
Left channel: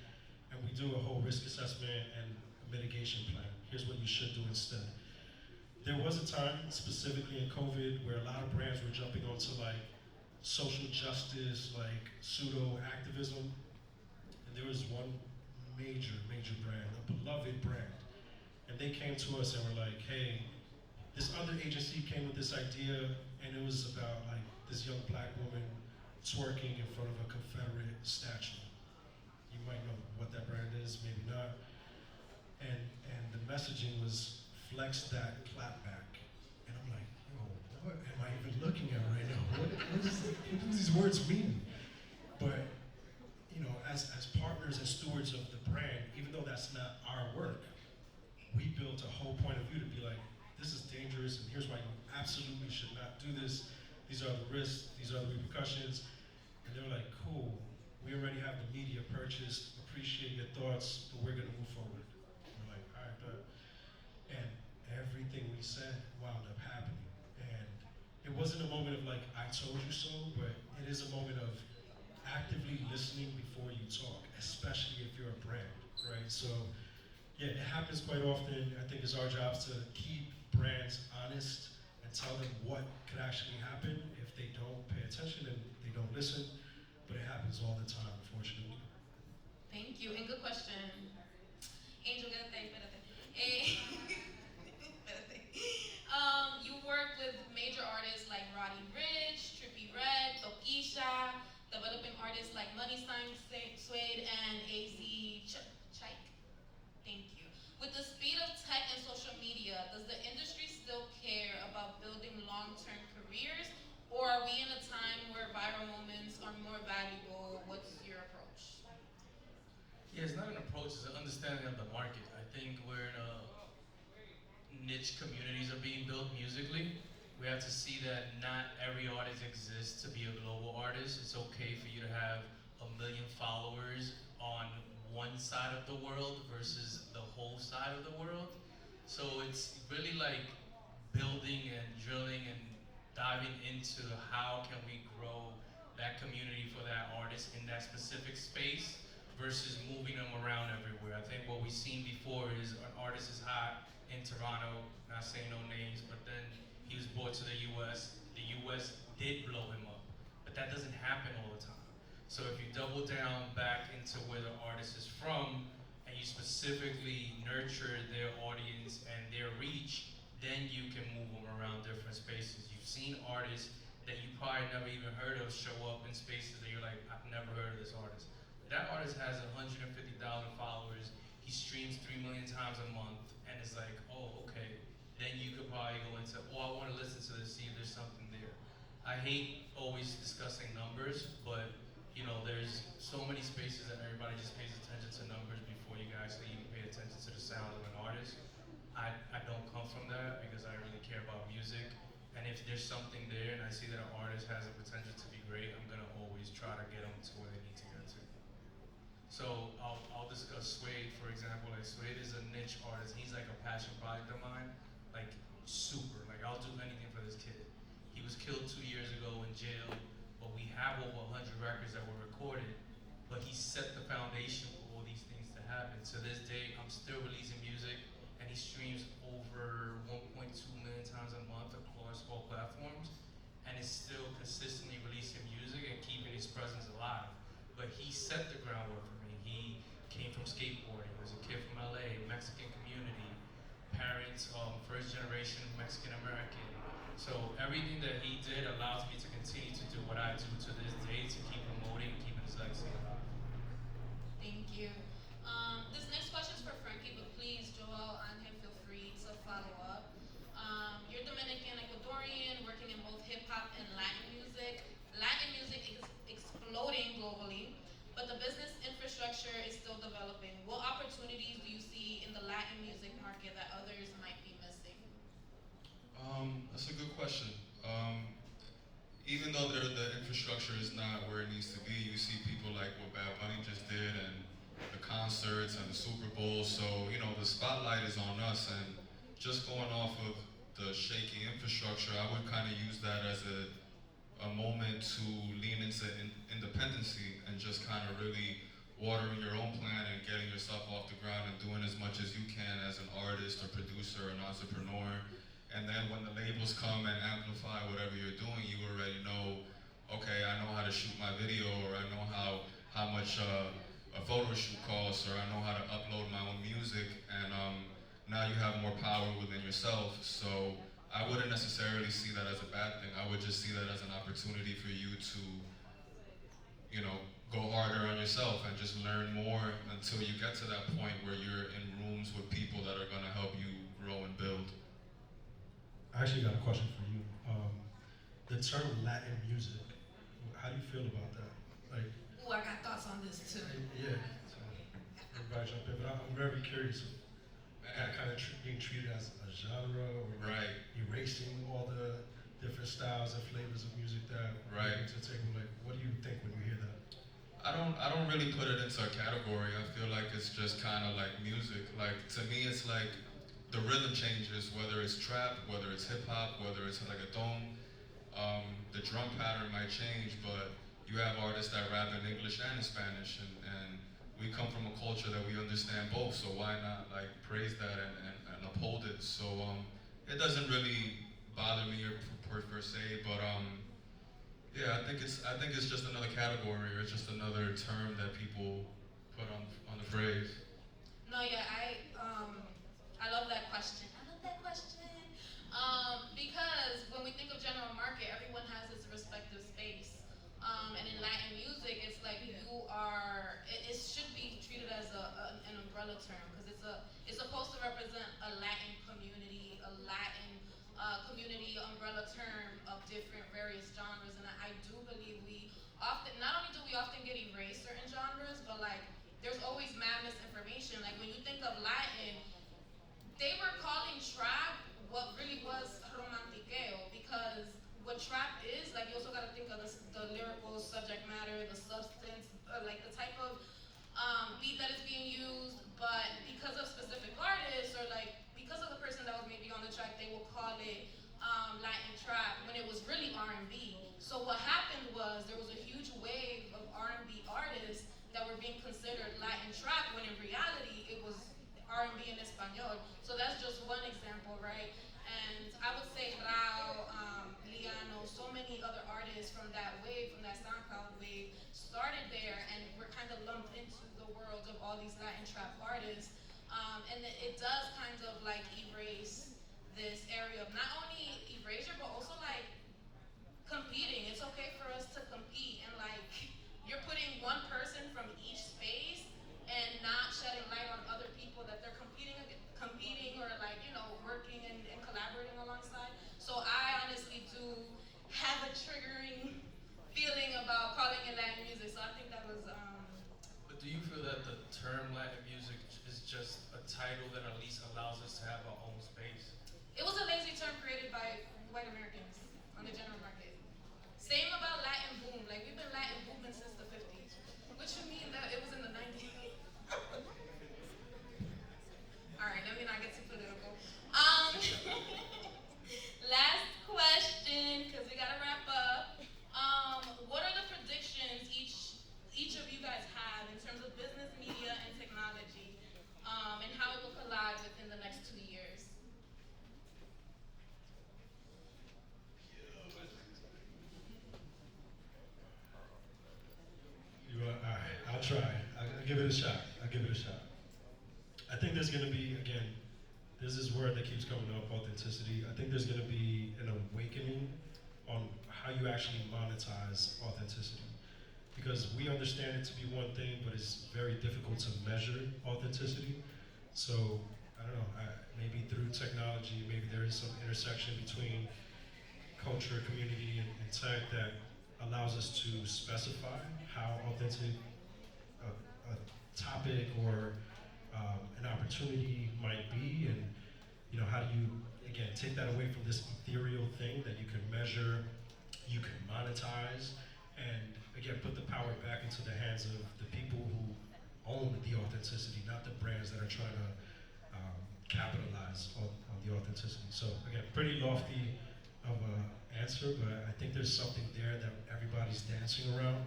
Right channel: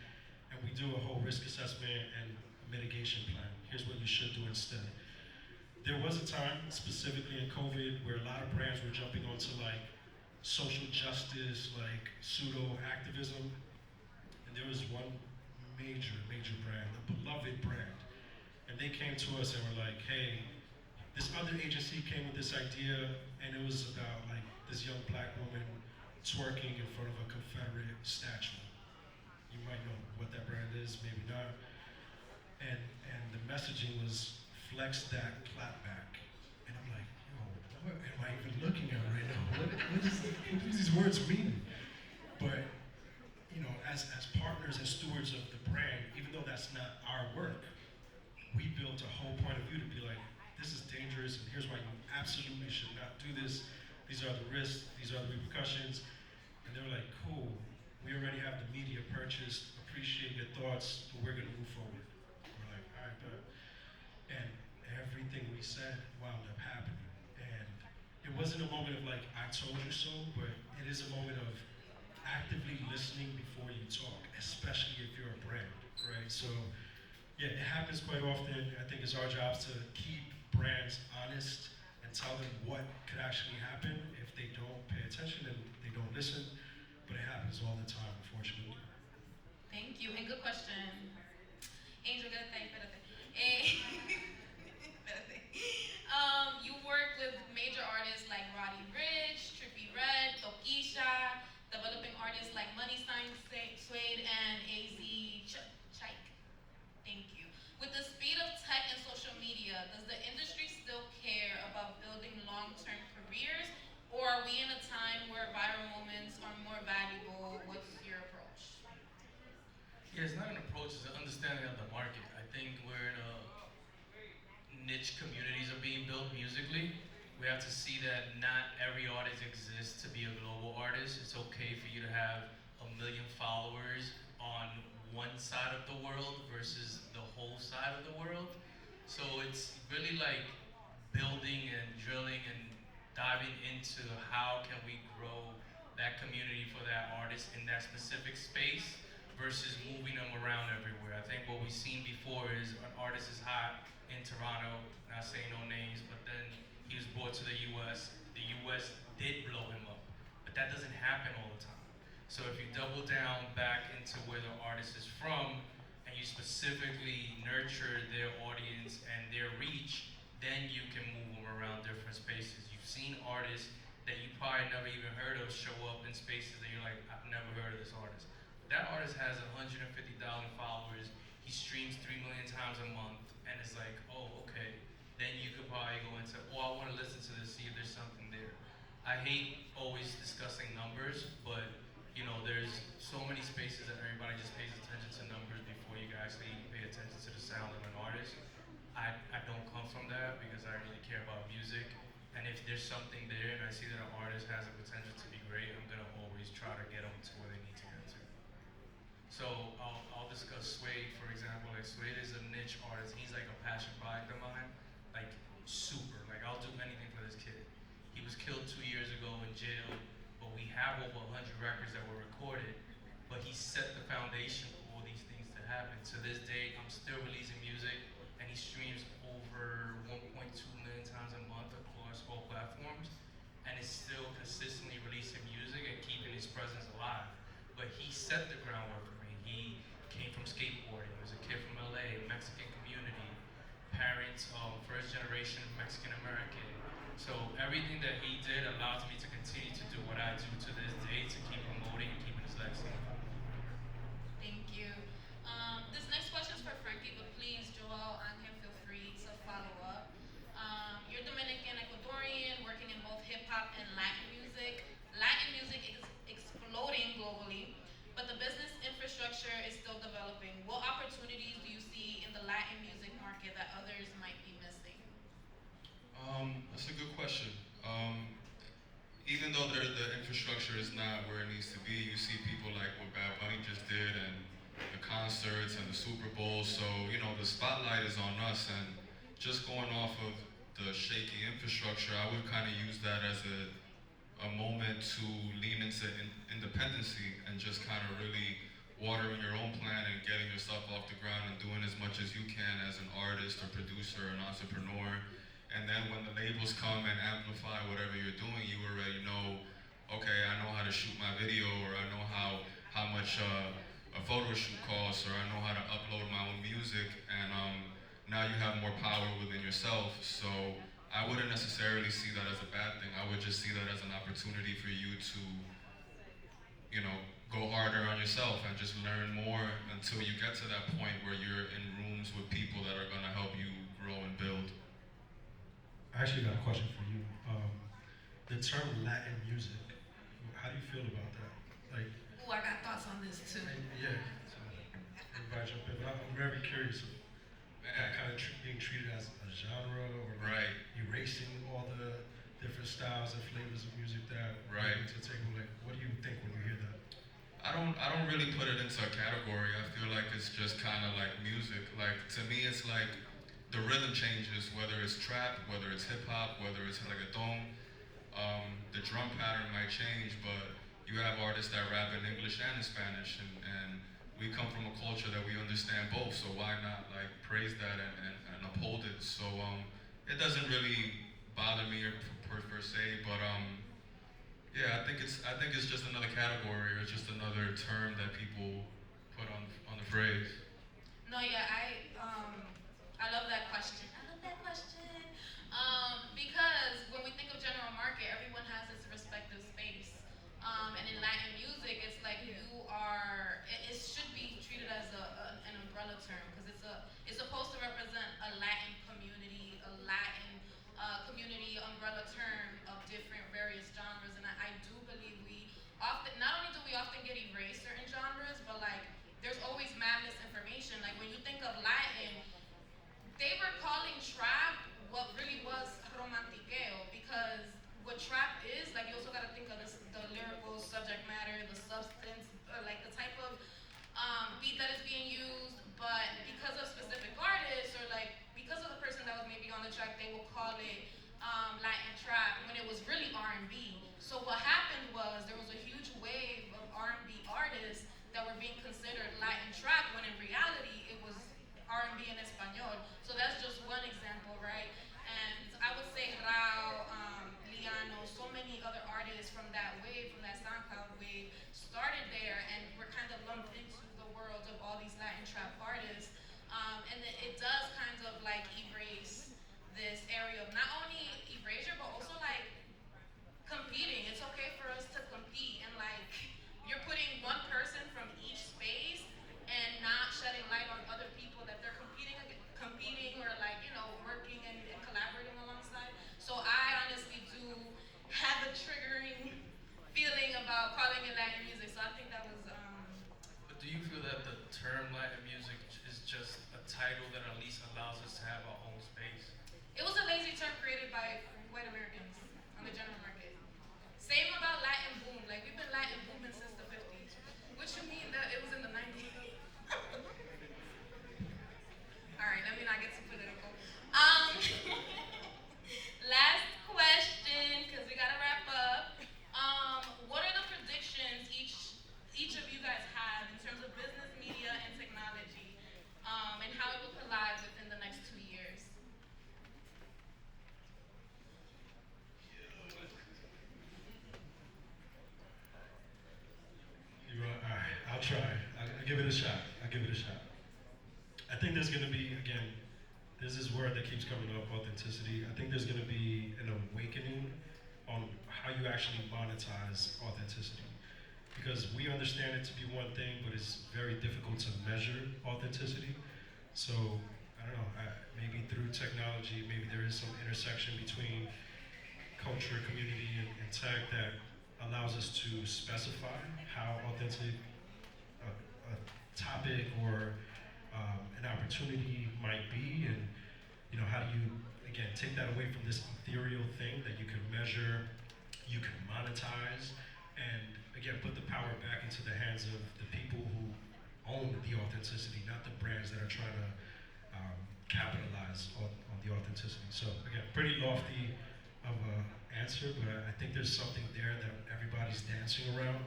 And we do a whole risk assessment and a mitigation plan. Here's what you should do instead. There was a time, specifically in COVID, where a lot of brands were jumping onto like social justice, like pseudo activism. And there was one major brand, a beloved brand. And they came to us and were like, hey, this other agency came with this idea and it was about like this young black woman twerking in front of a Confederate statue. You might know what that brand is, maybe not. And the messaging was flex that, clap back. And I'm like, yo, what am I even looking at right now? What do these words mean? But you know, as partners and stewards of the brand, even though that's not our work, we built a whole point of view to be like, this is dangerous, and here's why you absolutely should not do this. These are the risks, these are the repercussions. And they were like, cool, we already have the media purchased, appreciate your thoughts, but we're gonna move forward. We're like, all right, but, and everything we said wound up happening. And it wasn't a moment of like, I told you so, but it is a moment of actively listening before you talk, especially if you're a brand, right? So, yeah, it happens quite often. I think it's our job to keep brands honest and tell them what could actually happen if they don't pay attention and they don't listen. But it happens all the time, unfortunately. Thank you, and good question. Angel, espérate. Espérate. You work with major artists like Roddy Ricch, Trippie Redd, Tokisha, developing artists like Money Sign Suede and AZ Chike. Thank you. With the speed of tech and social media, does the industry still care about building long-term careers, or are we in a time where viral moments are more valuable? What's your approach? Yeah, it's not an approach, it's an understanding of the market. I think we're in a niche communities are being built musically. We have to see that not every artist exists to be a global artist. It's okay for you to have 1 million followers on one side of the world versus the whole side of the world. So it's really like building and drilling and diving into how can we grow that community for that artist in that specific space versus moving them around everywhere. I think what we've seen before is an artist is hot in Toronto, not saying no names, but then he was brought to the US. The US did blow him up, but that doesn't happen all the time. So if you double down back into where the artist is from and you specifically nurture their audience and their reach, then you can move them around different spaces. You've seen artists that you probably never even heard of show up in spaces that you're like, I've never heard of this artist. But that artist has 150,000 followers. He streams 3 million times a month, and it's like, oh, okay. Then you could probably go into, oh, I want to listen to this, see if there's something there. I hate always discussing numbers, but you know, there's so many spaces that everybody just pays attention to numbers before you actually pay attention to the sound of an artist. I don't come from that because I really care about music. And if there's something there and I see that an artist has a potential to be great, I'm gonna always try to get them to where they need to get to. So I'll discuss Suede, for example. Like Suede is a niche artist. He's like a passion project of mine, like super. Like I'll do anything for this kid. He was killed 2 years ago in jail, but we have over 100 records that were recorded. But he set the foundation for all these things to happen. To this day, I'm still releasing music, and he streams over 1.2 million times a month across all platforms, and is still consistently releasing music and keeping his presence alive. But he set the groundwork for me. He came from skateboarding. He was a kid from LA, Mexican community, parents, first generation Mexican American. So everything that he did allows me to continue to do what I do to this day to keep promoting and keeping his legacy alive. is not where it needs to be. You see people like what Bad Bunny just did and the concerts and the Super Bowl. So, you know, the spotlight is on us, and just going off of the shaky infrastructure, I would kind of use that as a moment to lean into independency and just kind of really watering your own plant and getting yourself off the ground and doing as much as you can as an artist or producer or an entrepreneur. And then when the labels come and amplify whatever you're doing, you already know, okay, I know how to shoot my video, or I know how much a photo shoot costs, or I know how to upload my own music, and now you have more power within yourself. So I wouldn't necessarily see that as a bad thing. I would just see that as an opportunity for you to, you know, go harder on yourself and just learn more until you get to that point where you're in rooms with people that are gonna help you grow and build. I actually got a question for you. The term Latin music, how do you feel about that? Like, Ooh, I got thoughts on this too. yeah, so everybody jump in, but I'm very curious of that kind of being treated as a genre, or like Right. erasing all the different styles and flavors of music that Right. we're into taking. Like, what do you think when you hear that? I don't really put it into a category. I feel like it's just kind of like music. Like, to me, it's like the rhythm changes, whether it's trap, whether it's hip hop, whether it's reggaeton. The drum pattern might change, but you have artists that rap in English and in Spanish, and we come from a culture that we understand both. So why not like praise that and uphold it? So it doesn't really bother me per se, but yeah, I think it's just another category, or it's just another term that people put on the phrase. No, yeah, I love that question. I love that question. Because when we think of general market, everyone has its respective space. And in Latin music, it's like it should be treated as an umbrella term, because it's supposed to represent a Latin community, a Latin community umbrella term of different various genres. And I do believe not only do we often get erased certain genres, but like there's always mad misinformation. Like when you think of Latin, they were calling trap what really was romantiqueo, because what trap is, like, you also gotta think of the lyrical subject matter, the substance, like the type of beat that is being used, but because of specific artists, or like because of the person that was maybe on the track, they will call it Latin trap when it was really R&B. So what happened was there was a huge wave of R&B artists that were being considered Latin trap, when in reality it was R&B in Espanol. So that's just one example, right? And I would say Rao, Liano, so many other artists from that wave, from that SoundCloud wave, started there and were kind of lumped into the world of all these Latin trap artists. And it does kind of like erase this area of not only erasure, but also like competing. It's okay for us to compete, and like you're putting one person from each space and not shedding light on other people that they're competing or like, you know, working and collaborating alongside. So I honestly do have a triggering feeling about calling it Latin music. So I think that was But do you feel that the term Latin music is just a title that at least allows us to have our own space? it was a lazy term created by white Americans on the general market. Same about Latin boom. Like we've been Latin booming since the 50s. What you mean that it was in the 90s? All right, let me not get too political. Last question, because we gotta wrap up. What are the predictions each of you guys have in terms of business, media, and technology, and how it will collide within the next 2 years? All right, I'll try. I'll give it a shot. I think there's gonna be, again, there's this word that keeps coming up, authenticity. I think there's gonna be an awakening on how you actually monetize authenticity. Because we understand it to be one thing, but it's very difficult to measure authenticity. So, I don't know, maybe through technology, maybe there is some intersection between culture, community, and tech that allows us to specify how authentic a topic or an opportunity might be, and you know, how do you again take that away from this ethereal thing that you can measure, you can monetize, and again, put the power back into the hands of the people who own the authenticity, not the brands that are trying to capitalize on the authenticity. So again, pretty lofty of a answer, but I think there's something there that everybody's dancing around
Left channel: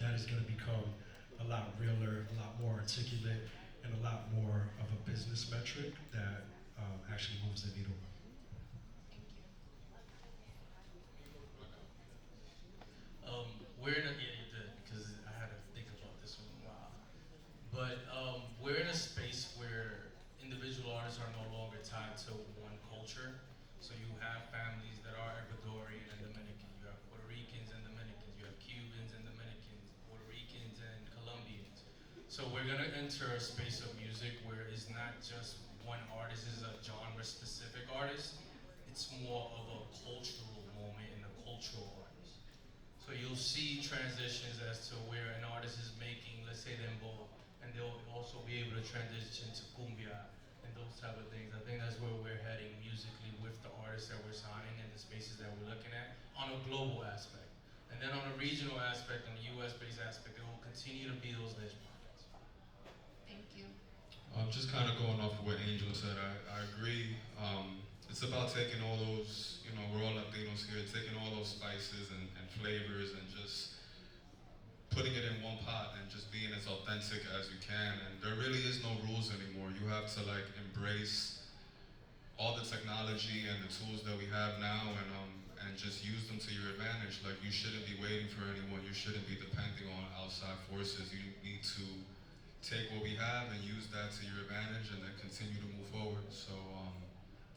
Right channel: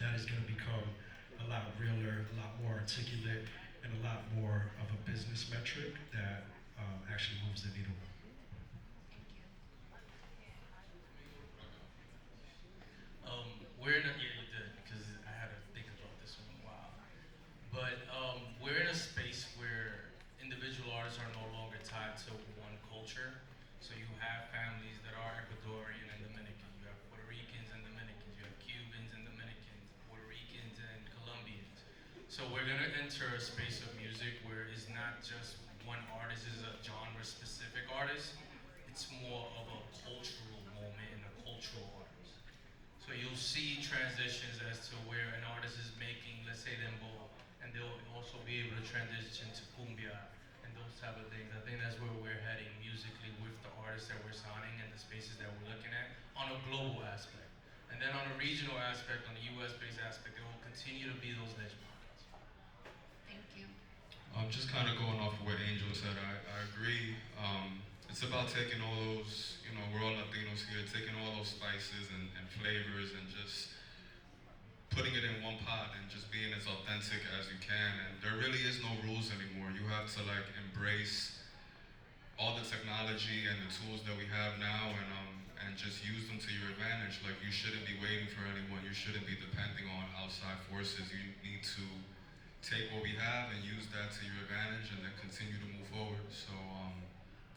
that is going to become a lot realer, a lot more articulate, and a lot more of a business metric that actually moves the needle. We're in a, yeah, you did, because I had to think about this one a while. But we're in a space where individual artists are no longer tied to one culture. So you have families that are Ecuadorian and Dominican, you have Puerto Ricans and Dominicans, you have Cubans and Dominicans, Puerto Ricans and Colombians. So we're gonna enter a space of music where it's not just one artist is a genre specific artist, it's more of a cultural moment and a cultural artist. So you'll see transitions as to where an artist is making, let's say, dembow, and they'll also be able to transition to cumbia and those type of things. I think that's where we're heading musically with the artists that we're signing and the spaces that we're looking at on a global aspect. And then on a regional aspect, on the US-based aspect, there will continue to be those niche markets. Thank you. Just kind of going off of what Angel said, I agree. It's about taking all those, we're all Latinos here, taking all those spices and flavors and just putting it in one pot and just being as authentic as you can. And there really is no rules anymore. You have to embrace all the technology and the tools that we have now and just use them to your advantage. Like, you shouldn't be waiting for anyone. You shouldn't be depending on outside forces. You need to take what we have and use that to your advantage and then continue to move forward. So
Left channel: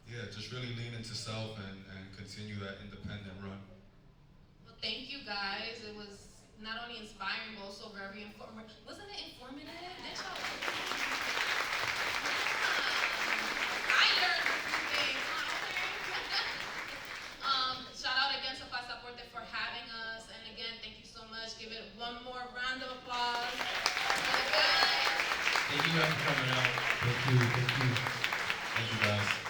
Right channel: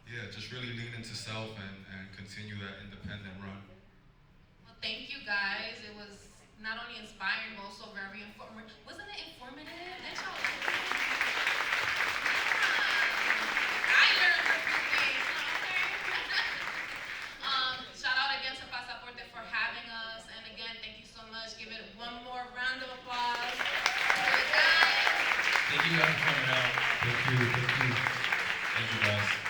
yeah, just really lean into self and continue that independent run. Well, thank you guys. It was not only inspiring, but also very informative. Wasn't it informative? Did y'all? I learned a few things. Okay. Shout out again to Pasaporte for having us. And again, thank you so much. Give it one more round of applause. Thank you guys for coming out. Thank you. Thank you guys.